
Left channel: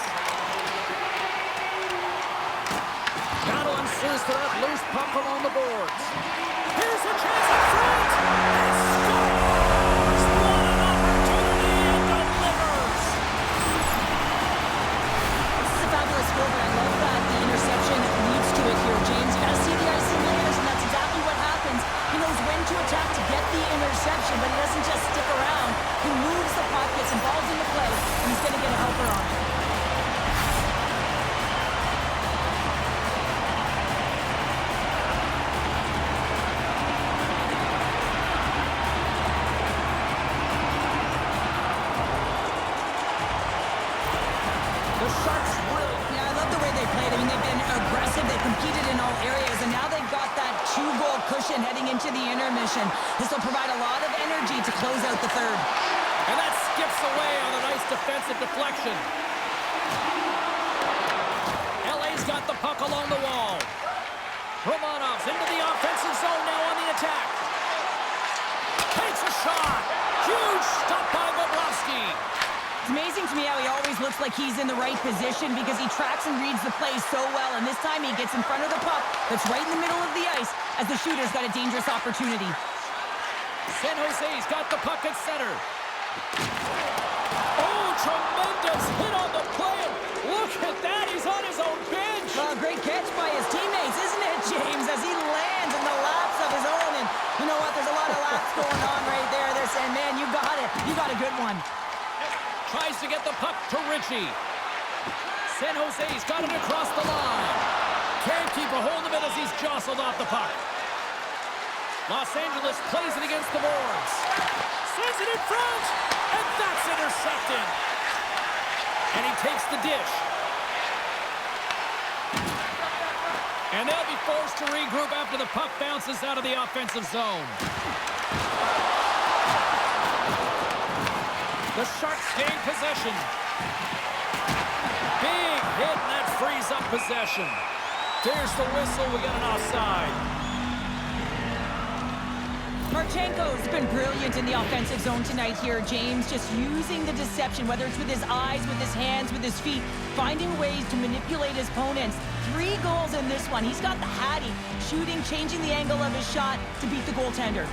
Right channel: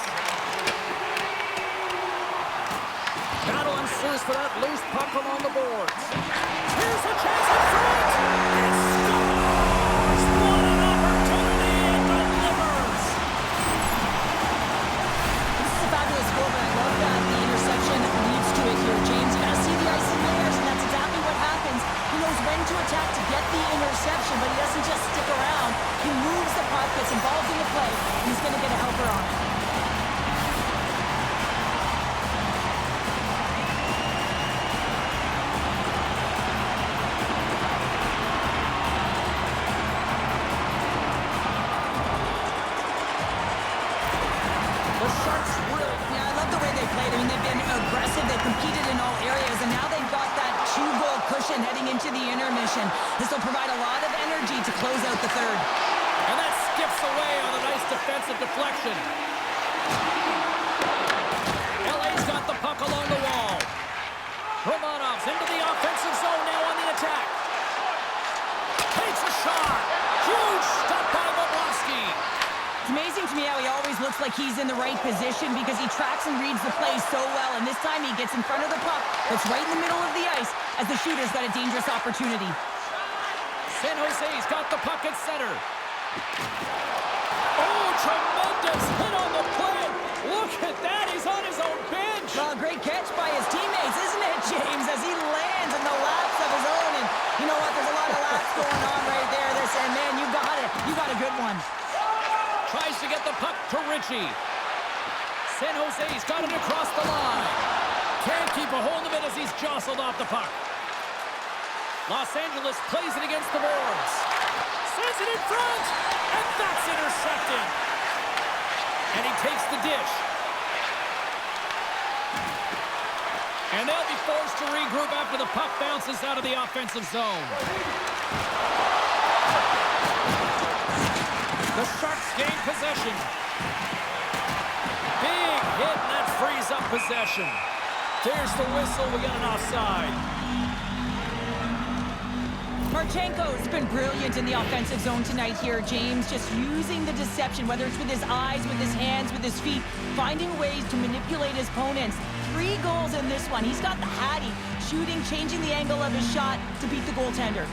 Battle ensues for that loose puck along the boards. Here's a chance in front. And scores! What an opportunity and delivers! This is a fabulous goal, but I love that the interception leads to it here, James. You got to see the ice in layers, and that's exactly what happens. He knows when to attack to get the interception, but he doesn't just stick around. He moves the puck, gets involved in the play, and he's going to get a helper on it. The Sharks really... Yeah, I love the way they played. I mean, they've been aggressive. They've competed in all areas, and now they've got that 2-goal cushion heading into the intermission. This will provide a lot of energy to close out the third. And that skips away on a nice defensive deflection. LA's got the puck along the wall. Romanov's into the offensive zone now on the attack. Takes a shot. Huge stop by Bobrovsky. It's amazing to me how he always looks like he's in the right position because he tracks and reads the play so well, and this time he gets in front of the puck that's right in the middle of the ice as the shooter's got a dangerous opportunity. San Jose's got the puck at center. Oh, tremendous hit on the play. Look at that, he's on his own bench. Great catch by his teammates, isn't it, James, as he lands in the laps of his own. And you know what, there's a lot of laps going on right there. They're saying, man, you got it. You got a good one. Tries to get the puck to Ritchie. San Jose's got it across the line. Can't keep a hold of it as he's jostled off the puck. Los Angeles plays it against the boards. Sends it in front, and that's intercepted. And he takes the dish. And they'll be forced to regroup after the puck bounces out of the offensive zone. The Sharks gain possession. Big hit, and that frees up possession. There's the whistle. We got an offside. Marchenko's been brilliant in the offensive zone tonight here, James. Just using the deception, whether it's with his eyes, with his hands, with his feet, finding ways to manipulate his opponents. 3 goals in this one. He's got the Hattie, shooting, changing the angle of his shot to beat the goaltender.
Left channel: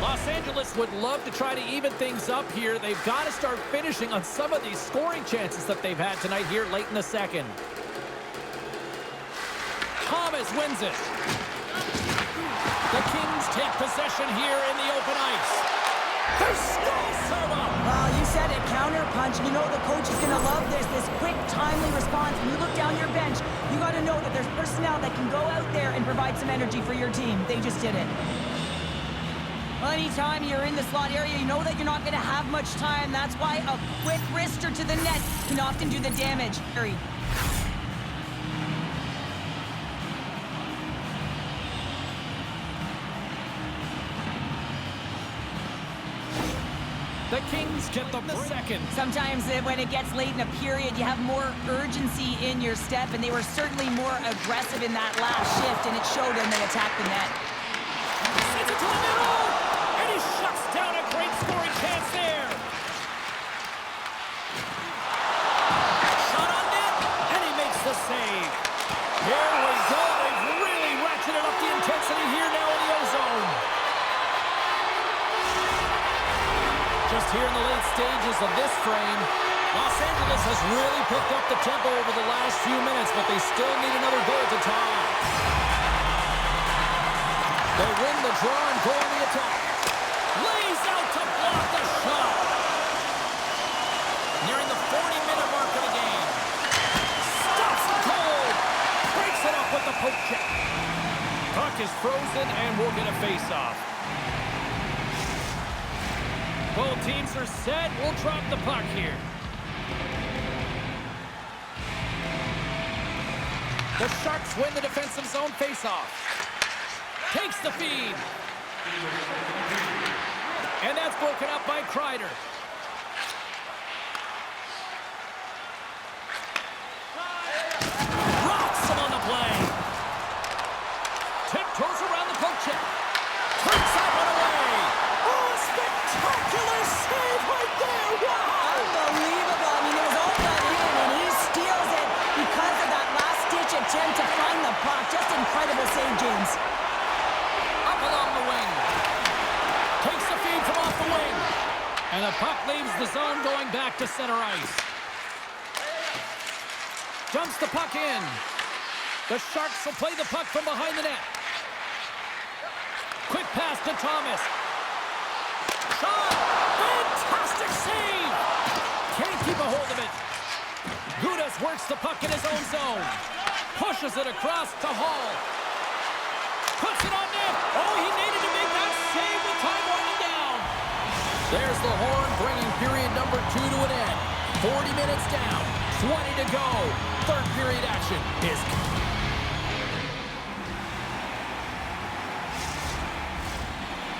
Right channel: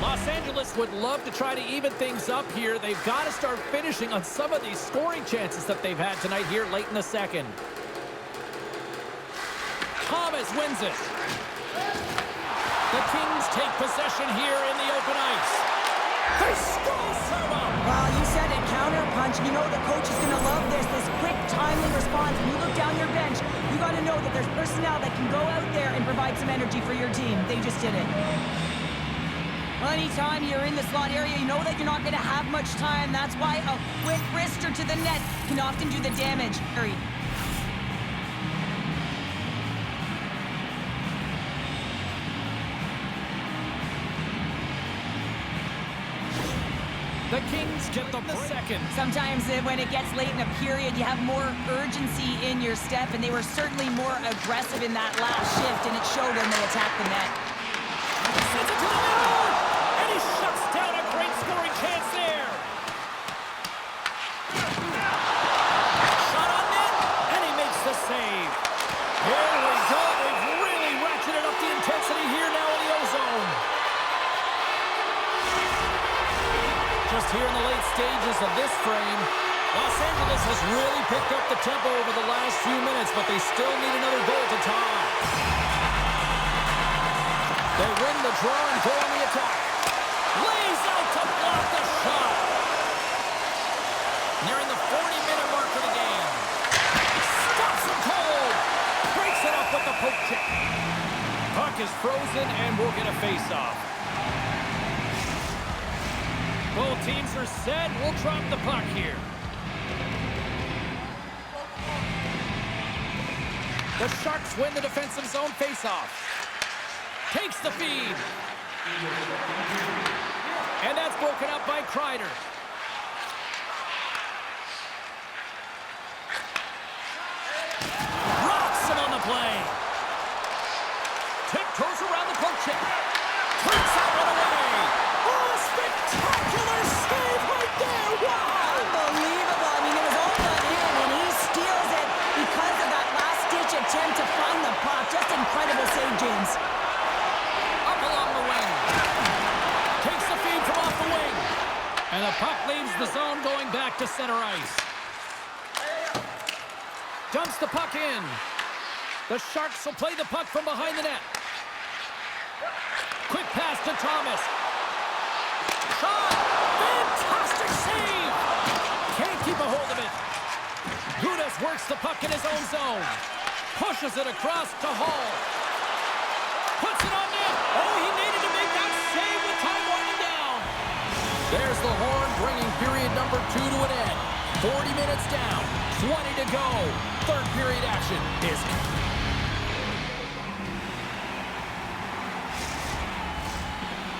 Los Angeles would love to try to even things up here. They've got to start finishing on some of these scoring chances that they've had tonight here late in the second. Thomas wins it. The Kings take possession here in the open ice. They still serve up. Well, you said it, counter punch. You know the coach is going to love this quick, timely response. When you look down your bench, you got to know that there's personnel that can go out there and provide some energy for your team. They just did it. Well, anytime you're in the slot area, you know that you're not going to have much time. That's why a quick wrister to the net can often do the damage. The Kings get the second. Sometimes when it gets late in a period, you have more urgency in your step, and they were certainly more aggressive in that last shift, and it showed when they attacked the net. Sends it to the middle, and he shuts down a great scoring chance there. Shot on net, and he makes the save. Here we go. They've really ratcheted up the intensity here now in the O-zone. Just here in the late stages of this frame, Los Angeles has really picked up the tempo over the last few minutes, but they still need another goal to tie. They win the draw and go on the attack. Lays out to block the shot. Nearing the 40-minute mark of the game. Stops him cold. Breaks it up with the poke check. Puck is frozen and we'll get a face-off. Both teams are set. We'll drop the puck here. The Sharks win the defensive zone face-off. Takes the feed. And that's broken up by Kreider. Rocks him on the play. Tiptoes around the poke check. Turns that one away. Oh, a spectacular save right there. Wow. Unbelievable. I mean, it was all done in, and he steals it because of that last-ditch attempt to find the puck. Just incredible save, James. Up along the wing. Takes the feed from off the wing. And the puck leaves the zone going back to center ice. Dumps the puck in. The Sharks will play the puck from behind the net. Quick pass to Thomas. Shot! Fantastic save! Can't keep a hold of it. Gudas works the puck in his own zone. Pushes it across to Hall. Puts it on net. Oh, he needed to make that save with time winding down. There's the horn, bringing period number 2 to an end. 40 minutes down, 20 to go. Third period action is...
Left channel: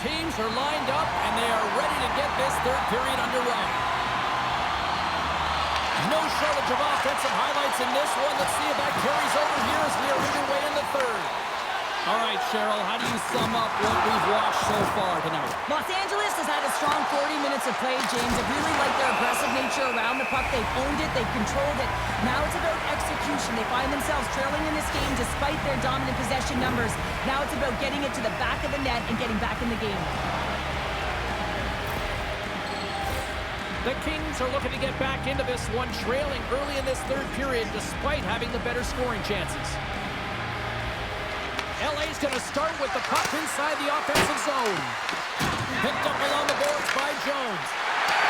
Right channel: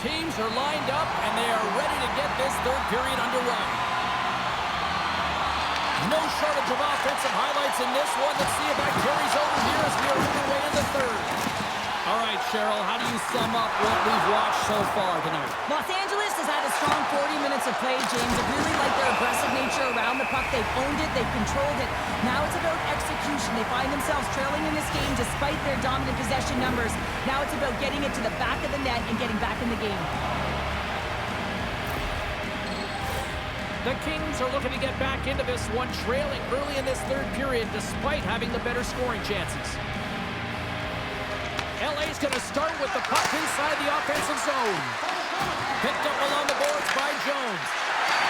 Teams are lined up, and they are ready to get this third period underway. No shortage of offensive highlights in this one. Let's see if that carries over here as we are underway in the third. All right, Cheryl, how do you sum up what we've watched so far tonight? Los Angeles has had a strong 40 minutes of play, James. I really like their aggressive nature around the puck. They've owned it. They've controlled it. Now it's about execution. They find themselves trailing in this game despite their dominant possession numbers. Now it's about getting it to the back of the net and getting back in the game. The Kings are looking to get back into this one, trailing early in this third period despite having the better scoring chances. LA's going to start with the puck inside the offensive zone. Picked up along the boards by Jones.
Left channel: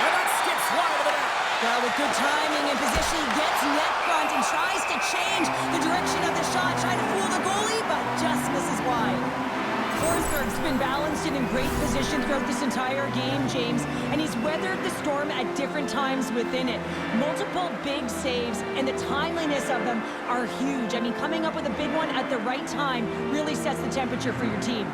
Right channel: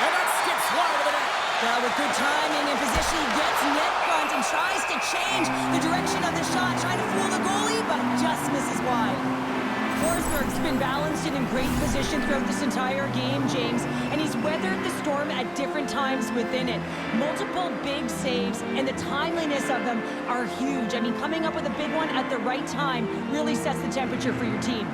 And that skips wide of the net. Well, with good timing and position, he gets net front and tries to change the direction of the shot, trying to fool the goalie, but just misses wide. Forsberg's been balanced and in great position throughout this entire game, James, and he's weathered the storm at different times within it. Multiple big saves, and the timeliness of them are huge. I mean, coming up with a big one at the right time really sets the temperature for your team.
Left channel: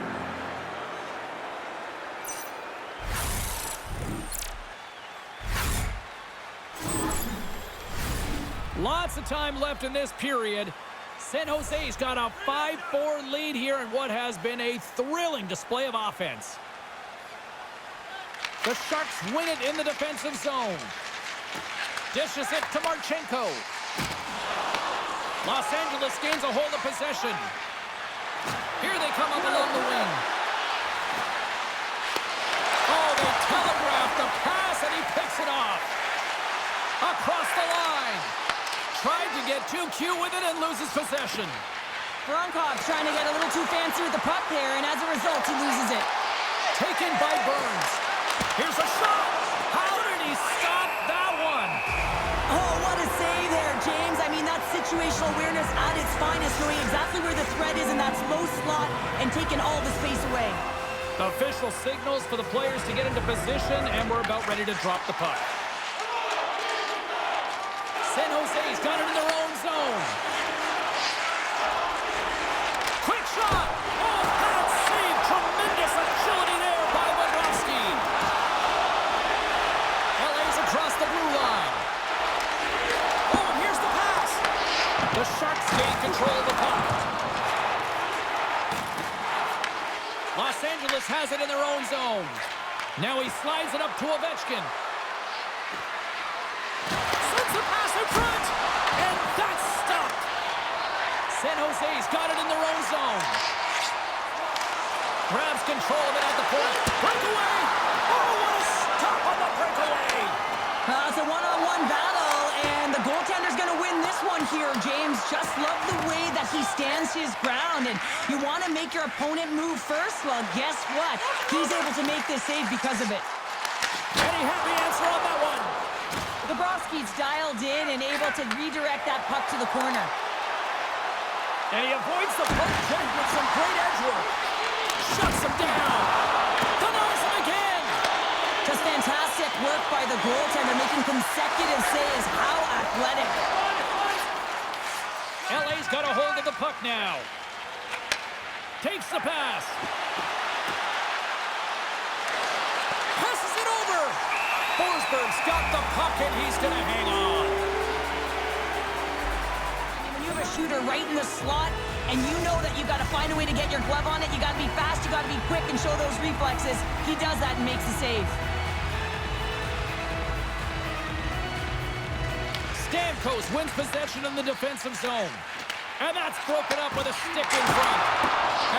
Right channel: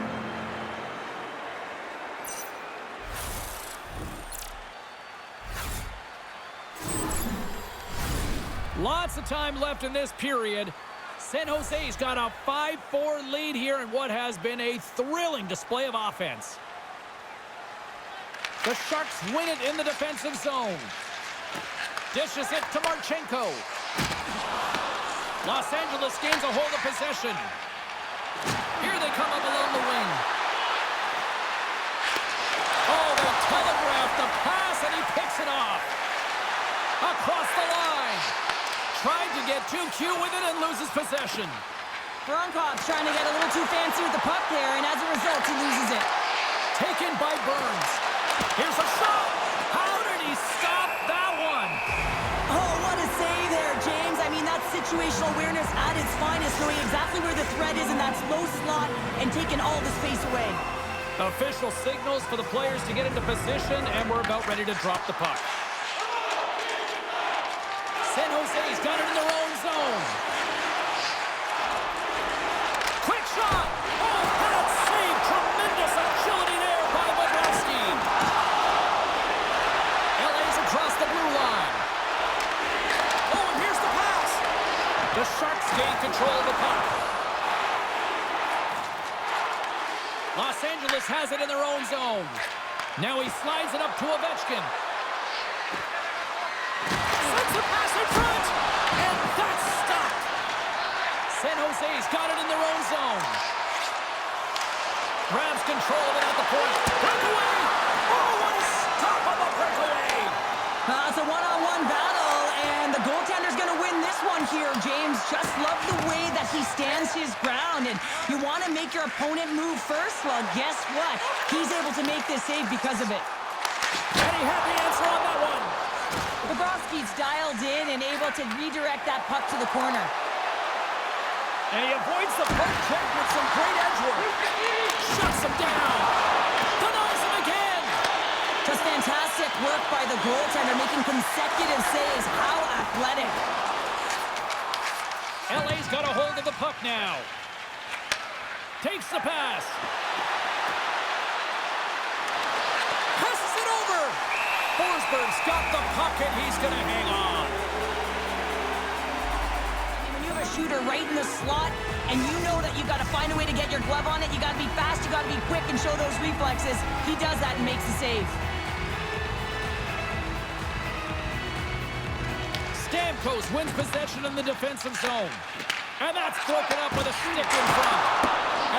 Lots of time left in this period. San Jose's got a 5-4 lead here in what has been a thrilling display of offense. The Sharks win it in the defensive zone. Dishes it to Marchenko. Los Angeles gains a hold of possession. Here they come up along the wing. Oh, they telegraph the pass, and he picks it off. Across the line. Tried to get too cute with it and loses possession. Veronkov's trying to get a little too fancy with the puck there, and as a result, he loses it. Taken by Burns. Here's a shot. How did he stop that one? Oh, what a save there, James. I mean, that's situational awareness at its finest, knowing exactly where the threat is in that slow slot and taking all the space away. Official signals for the players to get into position, and we're about ready to drop the puck. San Jose's got it in their own zone. Quick shot. Oh, that save. Tremendous agility there by Bobrovsky. LA's across the blue line. Oh, and here's the pass. The Sharks gain control of the puck. Los Angeles has it in their own zone. Now he slides it up to Ovechkin. Sends a pass in front, and that's stopped. San Jose's got it in their own zone. Grabs control of it at the point. Breakaway! Oh, what a stop on the breakaway! It's a one-on-one battle, and the goaltender's going to win this one here, James. Just love the way that he stands his ground, and you want to make your opponent move first? Well, guess what? He's able to make this save because of it. And he had the answer on that one. Bobrovsky's dialed in and able to redirect that puck to the corner. And he avoids the poke check with some great edge work. Shuts him down. Denies him again. Just fantastic work by the goaltender, making consecutive saves. How athletic. LA's got a hold of the puck now. Takes the pass. Passes it over. Forsberg's got the puck, and he's going to hang on. I mean, when you have a shooter right in the slot, and you know that you've got to find a way to get your glove on it, you got to be fast, you got to be quick, and show those reflexes. He does that and makes the save. Stamkos wins possession in the defensive zone. And that's broken up with a stick in front.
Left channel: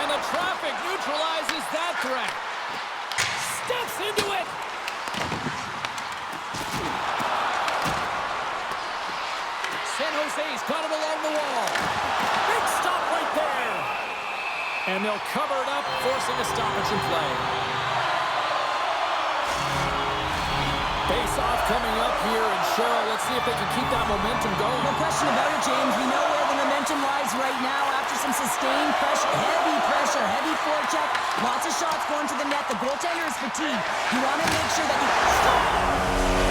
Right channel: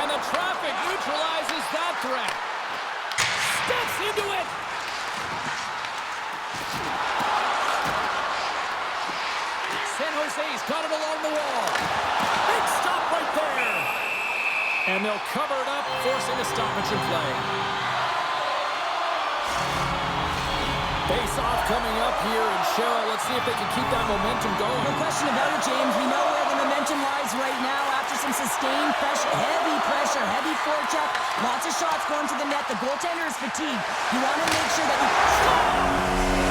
And the traffic neutralizes that threat. Steps into it. San Jose's got it along the wall. Big stop right there. And they'll cover it up, forcing a stoppage in play. Face-off coming up here, and Cheryl, let's see if they can keep that momentum going. No question about it, James. We know where the momentum lies right now after some sustained pressure, heavy forecheck, lots of shots going to the net. The goaltender is fatigued. You want to make sure that you score!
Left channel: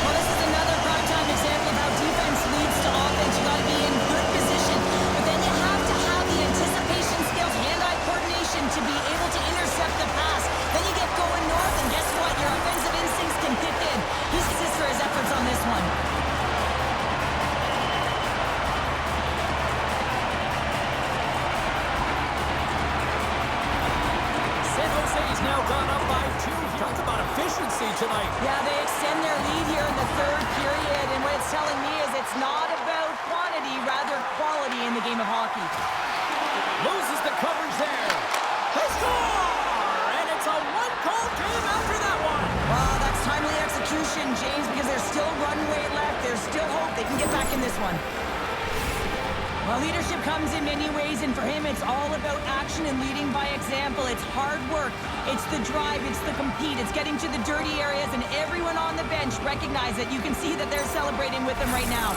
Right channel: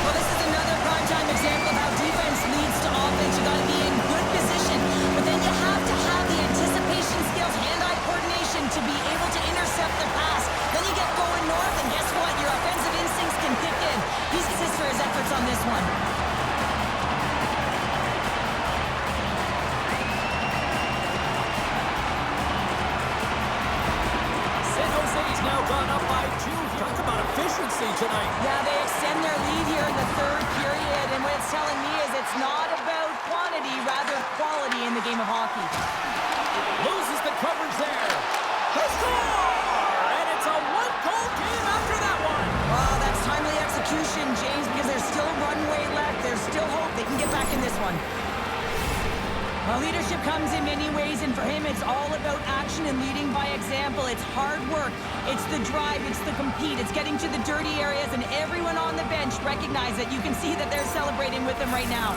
Well, this is another primetime example of how defense leads to offense. You got to be in good position, but then you have to have the anticipation skills, hand-eye coordination to be able to intercept the pass. Then you get going north, and guess what? Your offensive instincts can kick in. He's assist for his efforts on this one. San Jose's now gone up by 2. Talk about efficiency tonight. Yeah, they extend their lead here in the third period, and what it's telling me is it's not about quantity, rather quality in the game of hockey. Loses the coverage there. They score! And it's a one-goal game after that one. Well, that's timely execution, James, because there's still runway left. There's still hope they can get back in this one. Well, leadership comes in many ways, and for him, it's all about action and leading by example. It's hard work. It's the drive. It's the compete. It's getting to the dirty areas, and everyone on the bench recognize it. You can see that they're celebrating with him right now.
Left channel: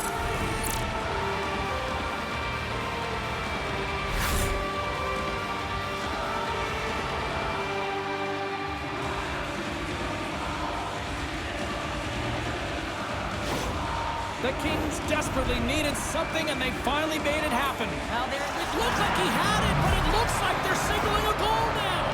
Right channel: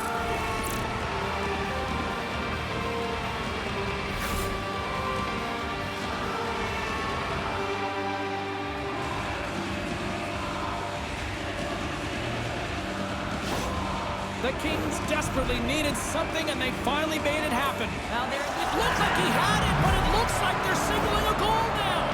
The Kings desperately needed something, and they finally made it happen. Well, It looked like he had it, but it looks like they're signaling a goal now.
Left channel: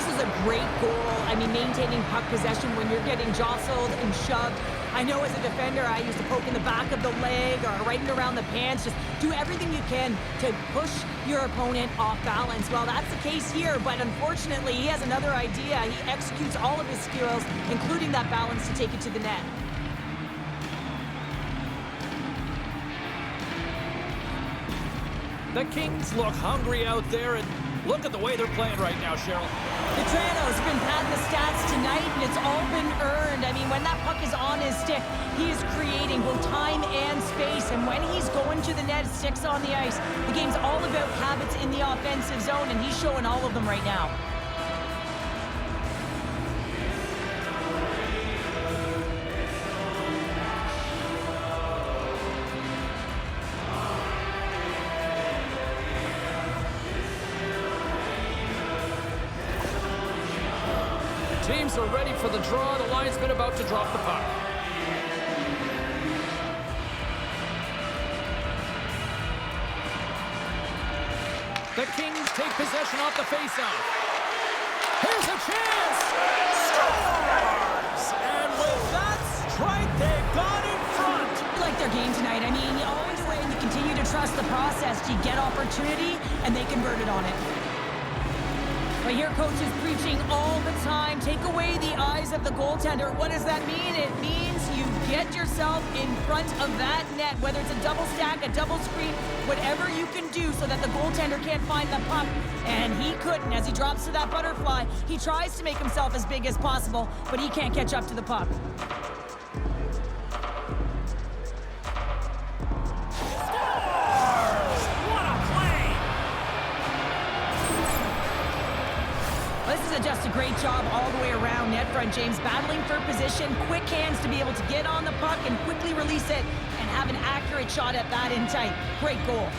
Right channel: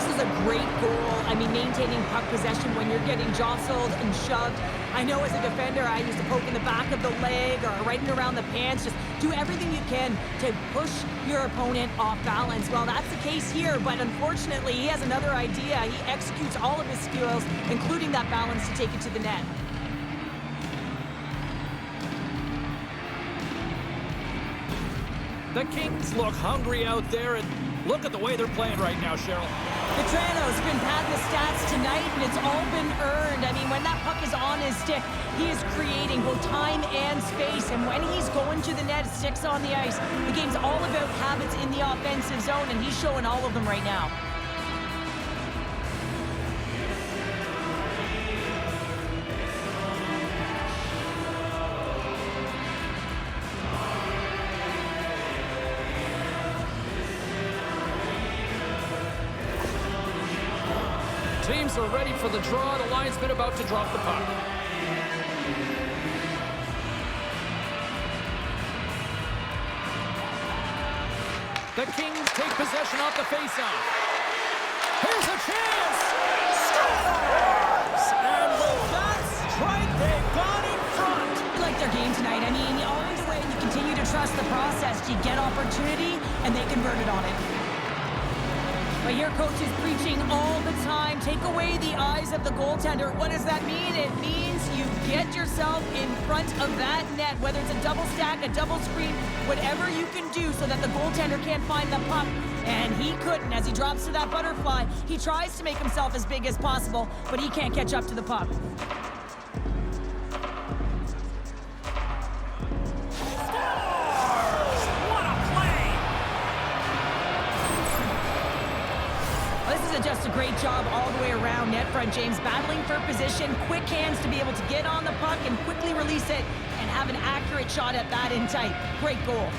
this is a great goal. I mean, maintaining puck possession when you're getting jostled and shoved. I know as a defender, I used to poke in the back of the leg or right in around the pants. Just do everything you can to push your opponent off balance. Well, that's the case here, but unfortunately, he has another idea. He executes all of his skills, including that balance to take it to the net. The Kings look hungry out there, and look at the way they're playing right now, Cheryl. Petrano's been padding the stats tonight, and it's all been earned. I mean, when that puck is on his stick, he is creating both time and space. And when he's going to the net, sticks on the ice, the game's all about habits in the offensive zone, and he's showing all of them right now. Teams are ready for the draw. The linesman about to drop the puck. The Kings take possession off the faceoff. Here's a chance! Scores! And with that strike, they've gone in front. I like their game tonight. I mean, you always win. You continue to trust the process. You get opportunity, and they converted on it. But here, coach is preaching all the time. Take away the eyes of the goaltender. What does that mean? It means you get yourself in front of that net, whether it's a double stack, a double screen, whatever you can do so that the goaltender can't find the puck. And he couldn't. As he drops to that butterfly, he tries to make himself as big as possible, but he can't catch up to the puck. This is just a great job all the way around net front, James. Battling for position, quick hands to be able to get on the puck and quickly release it and have an accurate shot at that in tight. Great goal.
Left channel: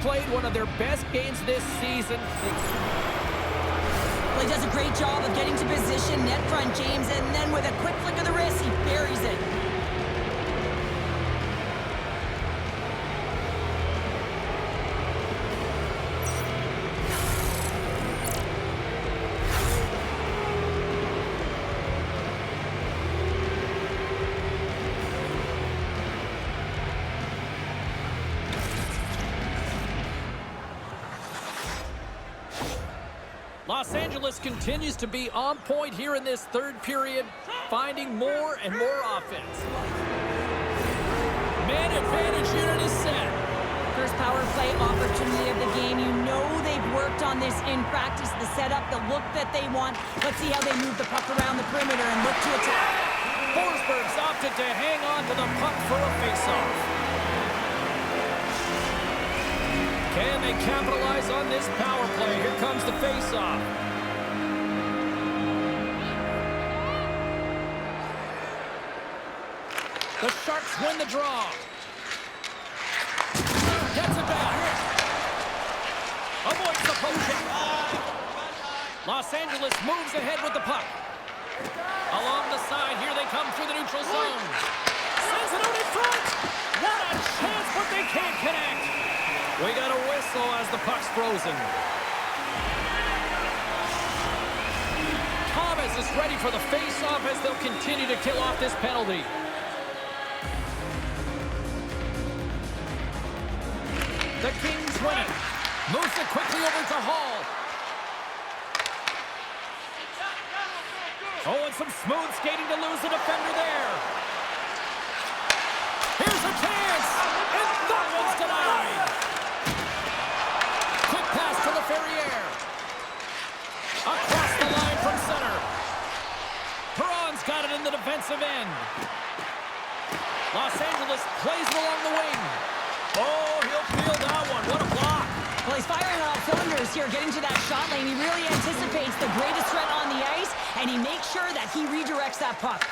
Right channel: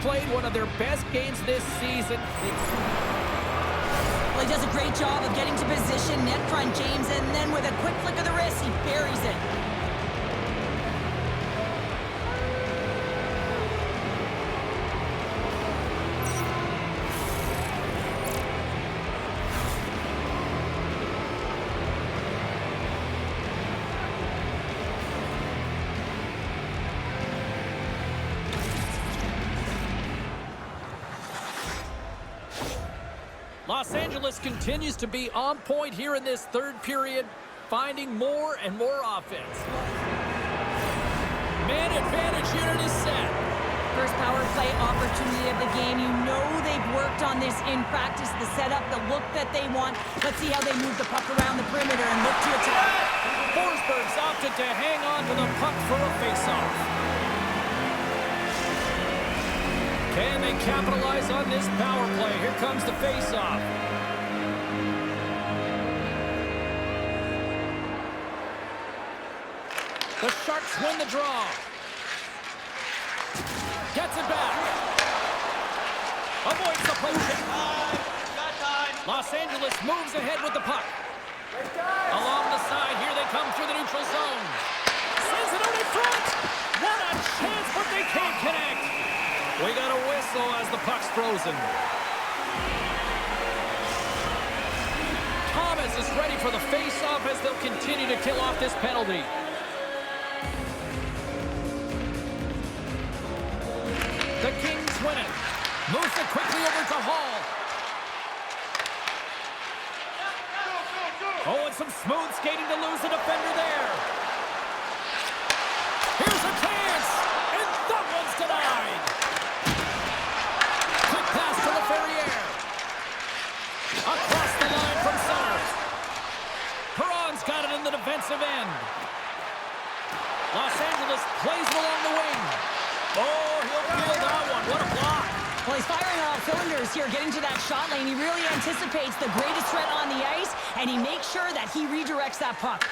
Played one of their best games this season. Well, he does a great job of getting to position, net front, James, and then with a quick flick of the wrist, he buries it. Los Angeles continues to be on point here in this third period, finding more and more offense. Man advantage unit is set. First power play opportunity of the game. You know they've worked on this in practice, the setup, the look that they want. Let's see how they move the puck around the perimeter and look to attack. Forsberg's opted to hang on to the puck for a faceoff. Can they capitalize on this power play? Here comes the faceoff. The Sharks win the draw. Gets it back. Avoids the potion. Los Angeles moves ahead with the puck. Along the side, here they come through the neutral zone. Sends it out in front. What a chance, but they can't connect. We got a whistle as the puck's frozen. Thomas is ready for the face-off as they'll continue to kill off this penalty. The Kings win it. Moves it quickly over to Hall. Oh, and some smooth skating to lose the defender there. Here's a chance, and that one's denied. Quick pass to LaFerriere. Across the line from center. Perron's got it in the defensive end. Los Angeles plays it along the wing. Oh, he'll field that one. What a block. Well, he's firing on all cylinders here, getting to that shot lane. He really anticipates the greatest threat on the ice, and he makes sure that he redirects that puck.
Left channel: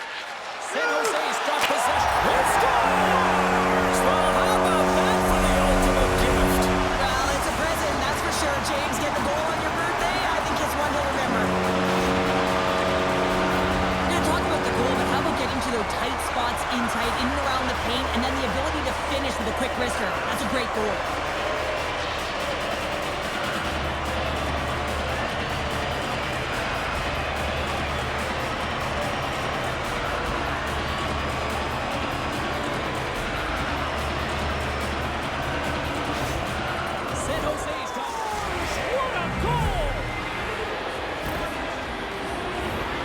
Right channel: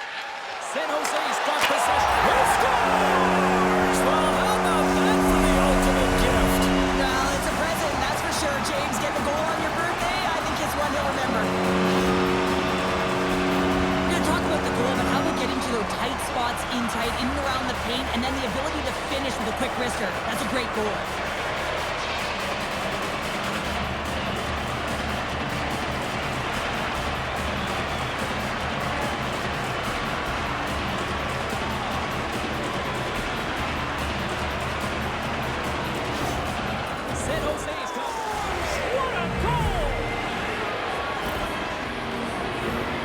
San Jose's got possession. He scores! Well, how about that for the ultimate gift? Well, it's a present, that's for sure, James. Get the goal on your birthday, I think it's one he'll remember. those tight spots in tight, in and around the paint, and then the ability to finish with a quick wrister. That's a great goal. San Jose's got... What a goal!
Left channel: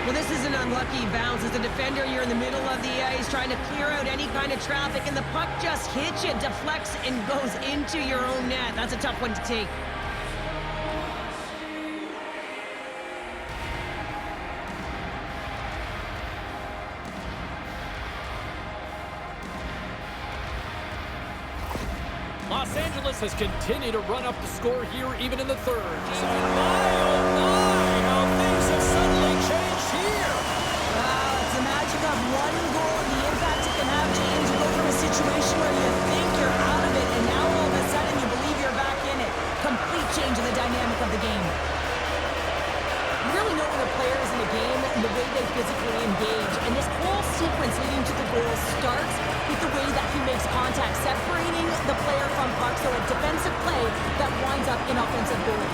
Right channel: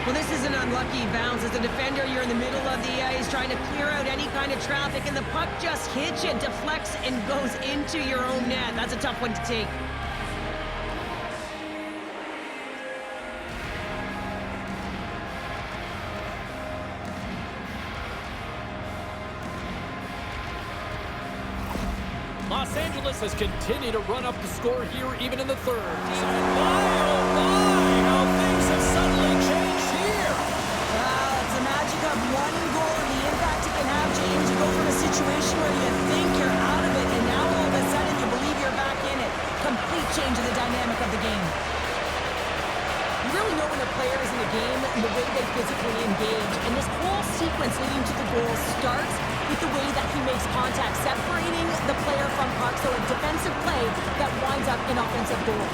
Well, this is an unlucky bounce. As a defender, you're in the middle of the ice trying to clear out any kind of traffic, and the puck just hits you, deflects, and goes into your own net. That's a tough one to take. Los Angeles has continued to run up the score here even in the third. And my, oh my, how things have suddenly changed here. It's the magic of one goal and the impact it can have, James. You go from a situation where you think you're out of it, and now all of a sudden you believe you're back in it. Complete change of the dynamic of the game. You really know when a player is in a game and the way they physically engage. And this whole sequence leading to the goal starts with the way that he makes contact, separating the player from puck, so a defensive play that winds up in offensive goal.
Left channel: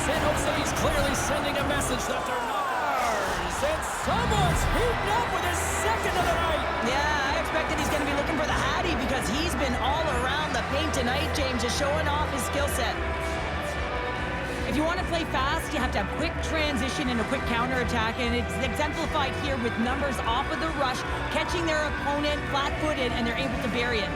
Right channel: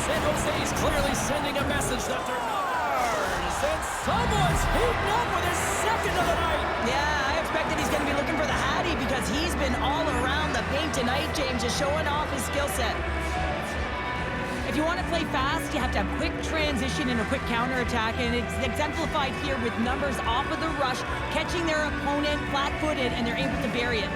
San Jose is clearly sending a message that they're not ours. And someone's heating up with his second of the night. Yeah, I expected he's going to be looking for the Hattie because he's been all around the paint tonight, James, just showing off his skill set. If you want to play fast, you have to have quick transition and a quick counterattack, and it's exemplified here with numbers off of the rush, catching their opponent flat-footed, and they're able to bury it.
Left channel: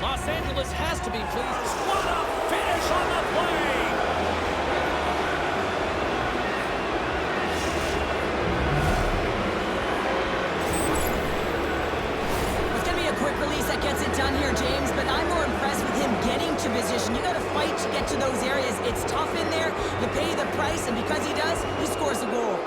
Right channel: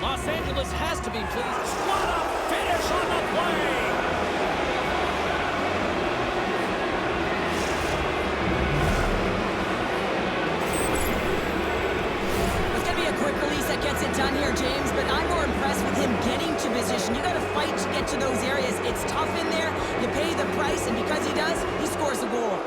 Los Angeles has to be pleased. What a finish on the play! A quick release that gets it done here, James, but I'm more impressed with him getting to position. You got to fight to get to those areas. It's tough in there. You pay the price, and because he does, he scores a goal.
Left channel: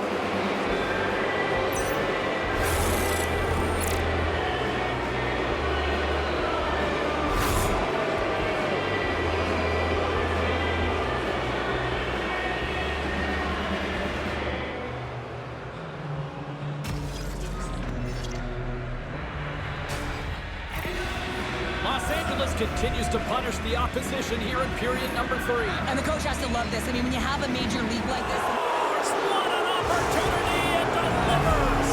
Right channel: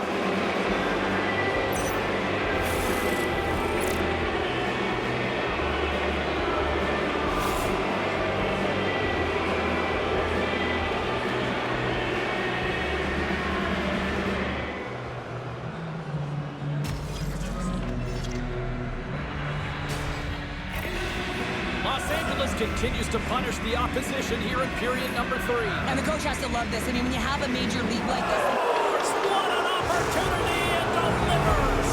Los Angeles continues to punish the opposition here in period number 3. And the coach has to love this. I mean, when you have a major league like this... Force, what an opportunity, and delivers!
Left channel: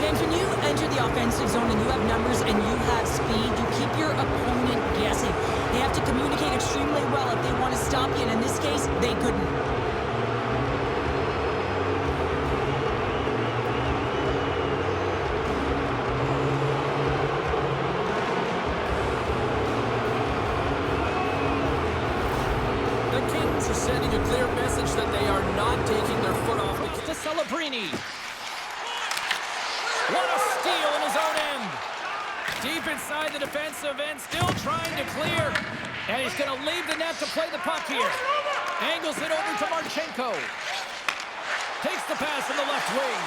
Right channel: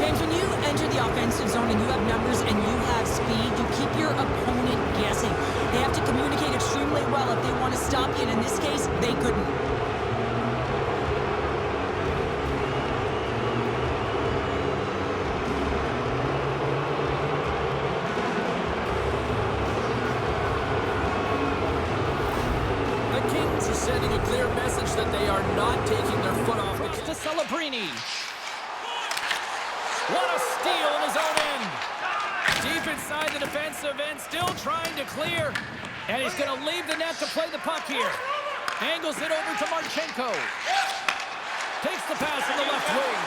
James, when you enter the offensive zone and you have numbers and you have speed, you keep your opponent guessing. They have to communicate extremely well if they want to stop you, and in this case, they couldn't. The Kings are sending a clear message that they are not taking their foot off the gas. To Celebrini. What a steal in his own end. Deep inside the defensive end, still trying to clear. And he's going to leave the net to play the puck here. Angles it over to Marchenko. Takes the pass from the left wing.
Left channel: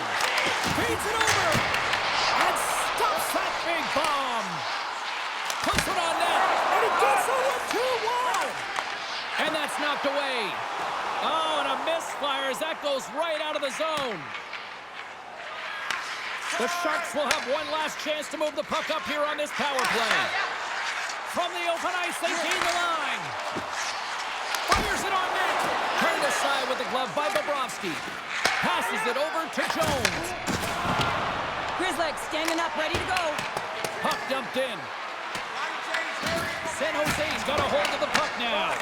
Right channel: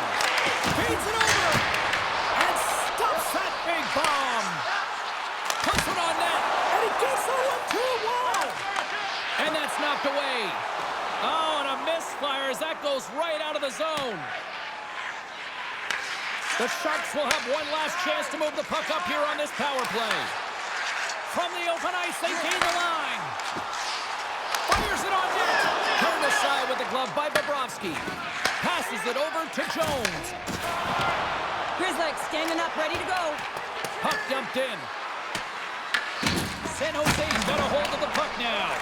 Feeds it over. And stops that big bomb. Puts it on net. And he gets the 1-2. Wow. And that's knocked away. Oh, and a misfire as that goes right out of the zone. The Sharks will have one last chance to move the puck up here on this power play. From the open ice, they gain the line. Fires it on net. Turned aside with the glove by Bobrovsky. Passes it over to Jones. Grizzlick standing up, ready to go. Puck dumped in. San Jose's got a hold of the puck now.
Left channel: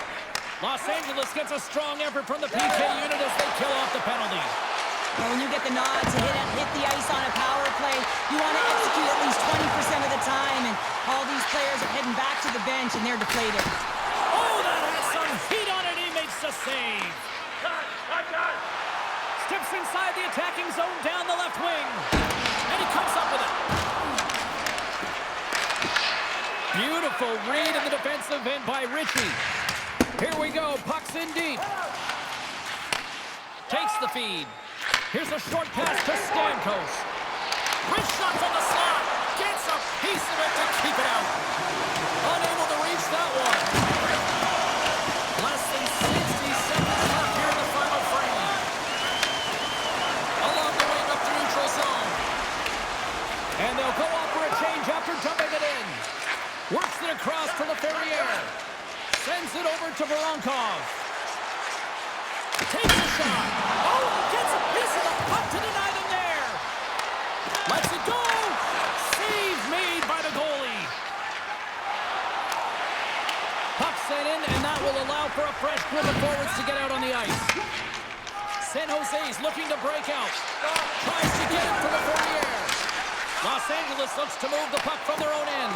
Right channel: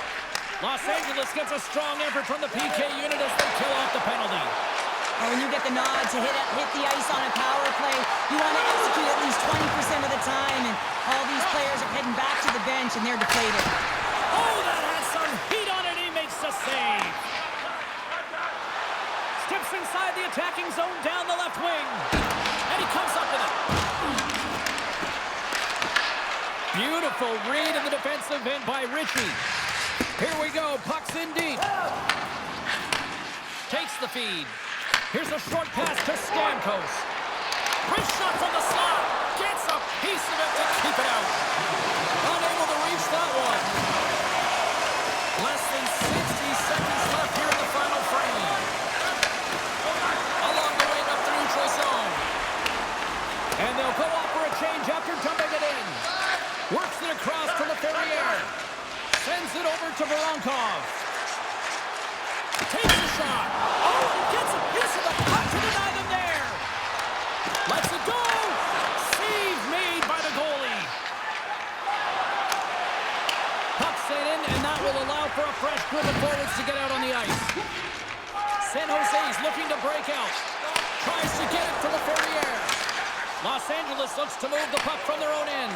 Los Angeles gets a strong effort from the PK unit as they kill off the penalty. Well, when you get the nod to hit the ice on a power play, you want to execute at least 20% of the time, and all these players are heading back to the bench, and they're deflated. Oh, that has some heat on it. He makes the save. Steps inside the attacking zone down the left wing, and he comes up with it. Beautiful read in the defensive end by Ritchie. Here we go, puck's in deep. Takes the feed. Here's a short pass to Stamkos. Wrist shot from the slot. Gets a piece of it to keep it out. Unable to reach that one. Less than 60 seconds left here in the final frame. Along the wing up the neutral zone. And they'll go off for a change after dumping it in. Works it across to LaFerriere. Sends it over to Voronkov. Takes a shot. Oh, he gets a piece of the puck to deny them there. Lets it go. Save made by the goalie. Puck sent in, and that will allow for a fresh group of forwards to get out on the ice. San Jose's looking to break out. Tries to get it to LaFerriere. Los Angeles looks to move the puck from their own end.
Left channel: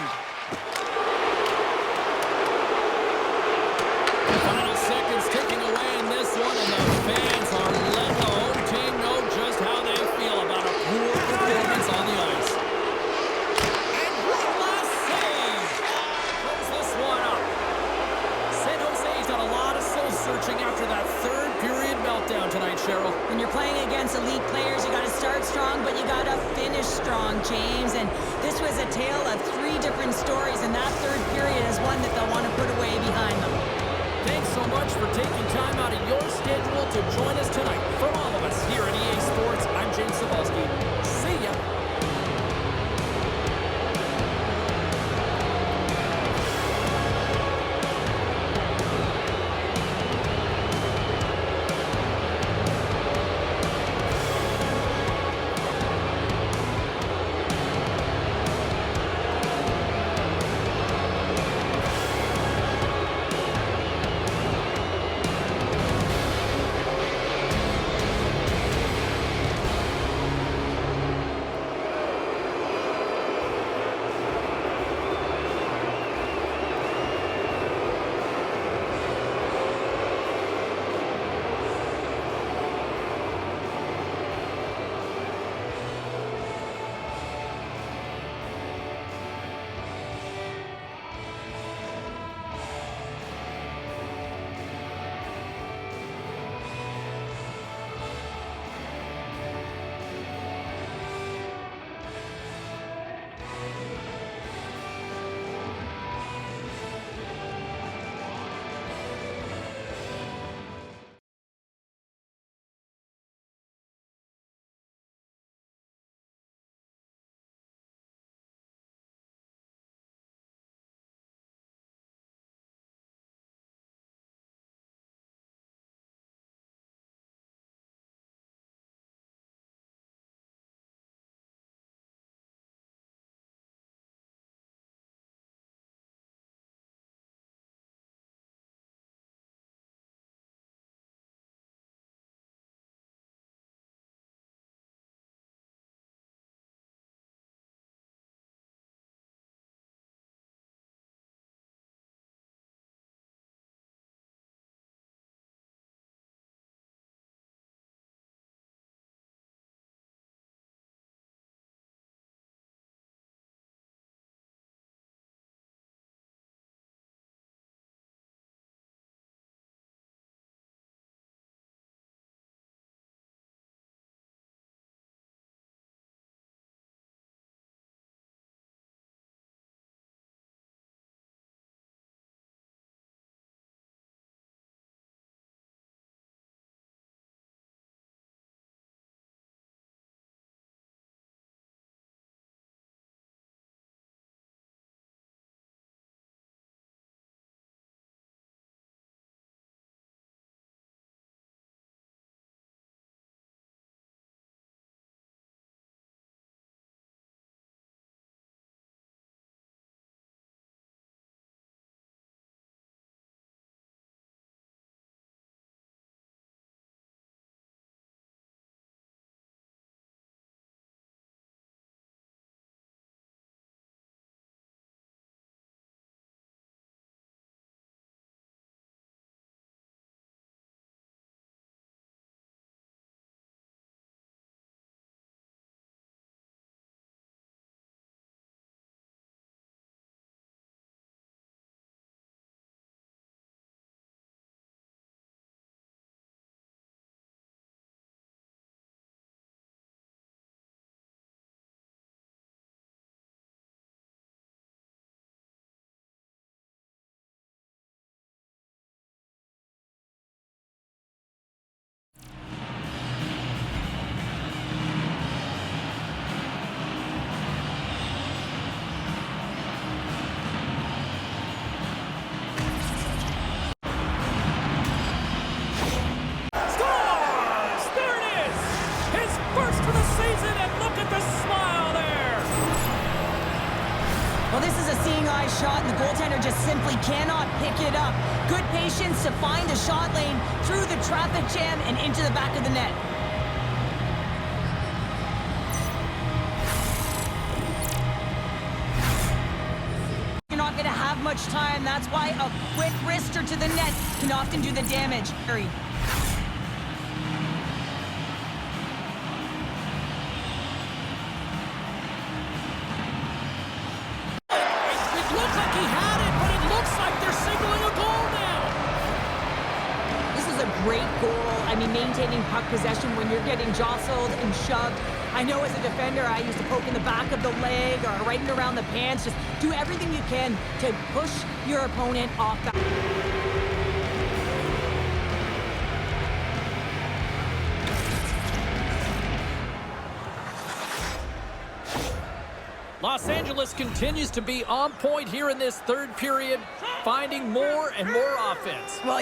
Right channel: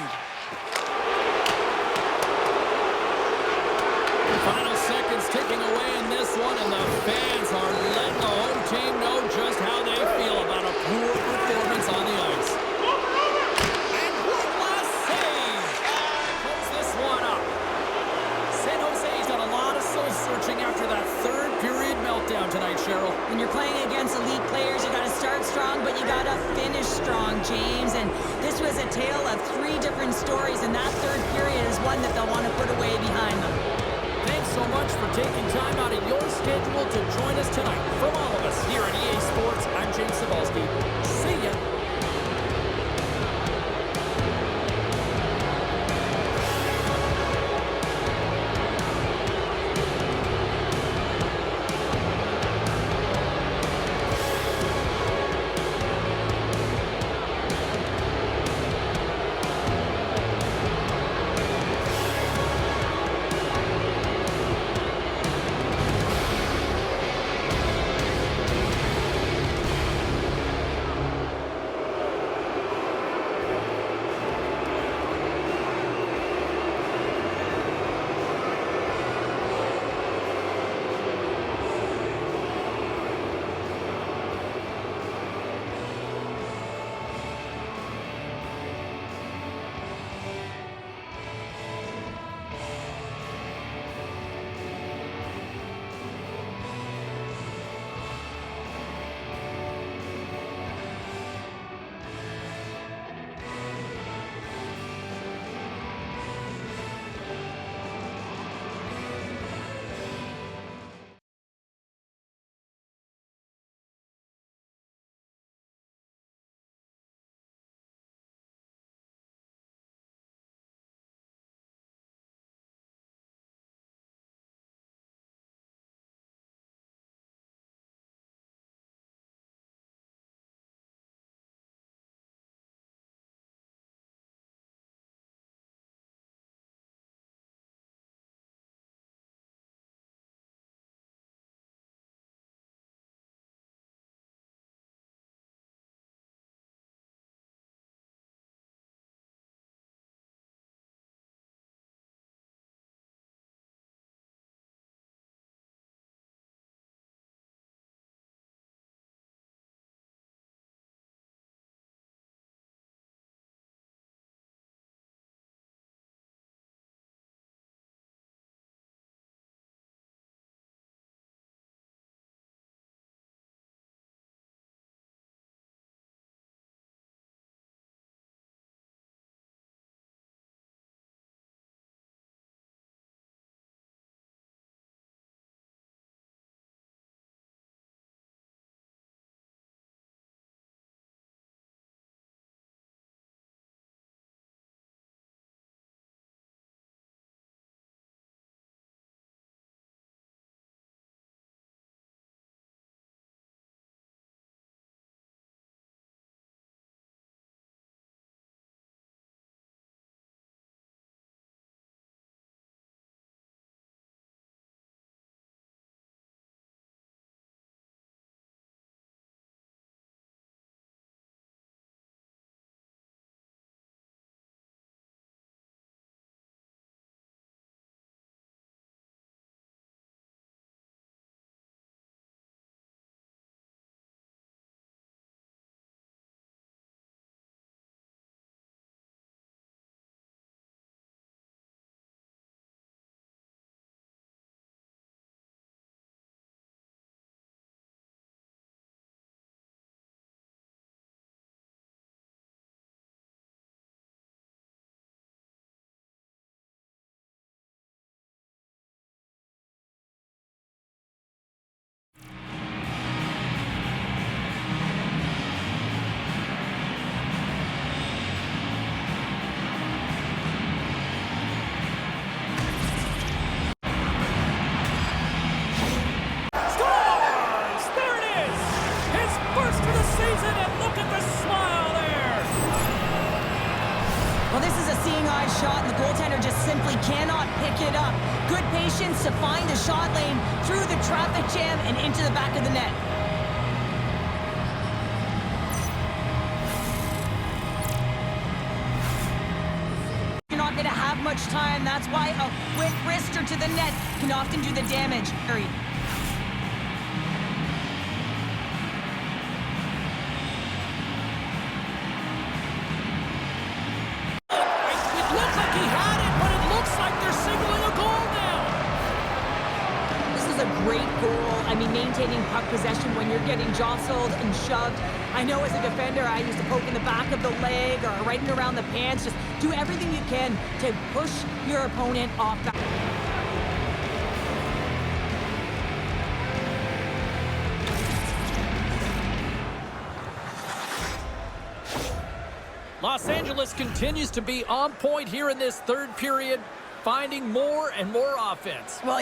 Final seconds ticking away in this one, and the fans are letting the home team know just how they feel about a poor performance on the ice. And one last save. Close this one up. San Jose's done a lot of soul-searching after that third period meltdown tonight, Cheryl. When you're playing against elite players, you got to start strong, but you got to finish strong, James. And this was a tale of 3 different stories, and that third period is one that they'll want to put away behind them. Thanks so much for taking time out of your schedule to join us tonight. From all of us here at EA Sports, I'm James Cybulski. See ya. Well, this is a seeing eye shot, and the goaltender just simply cannot pick it up. Good patience to find the shot lane through the traffic jam and into the back of the net. You're not going to have much time. That's why a quick wrister to the net can often do the damage. Hurry. It looked like he had it, but it looks like they're signaling a goal now. This is a great goal. I mean, maintaining puck possession when you're getting jostled and shoved. I know as a defender, I used to poke in the back of the leg or right in around the pants. Just do everything you can to push your opponent off back. Los Angeles continues to be on point here in this third period, finding more and more offense. Well,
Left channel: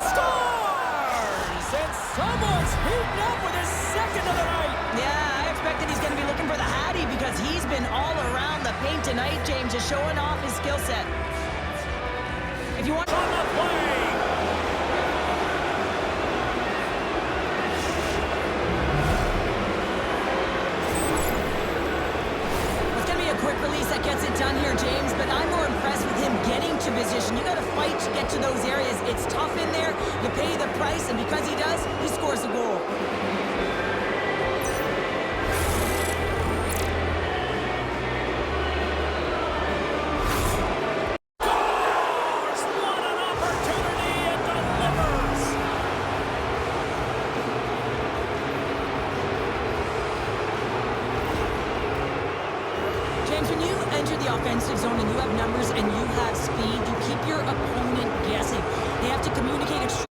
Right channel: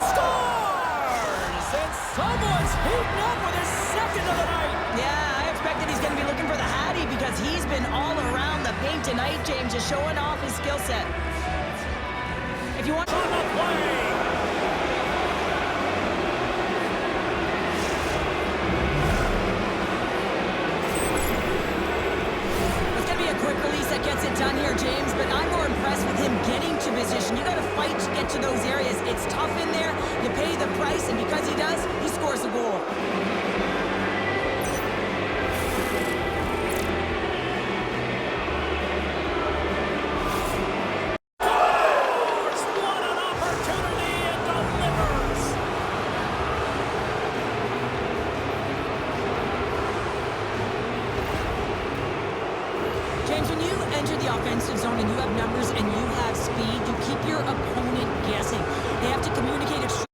Scores! And someone's heating up with his second of the night. yeah, I expected he's going to be looking for the Hattie because he's been all around the paint tonight, James, just showing off his skill set. If you want On the play. It's going to be a quick release that gets it done here, James, but I'm more impressed with him getting to position. You got to fight to get to those areas. It's tough in there. You pay the price, and because he does, he scores a goal. Scores! What an opportunity and delivers. James, when you enter the offensive zone and you have numbers and you have speed, you keep your opponent guessing. They have to communicate extremely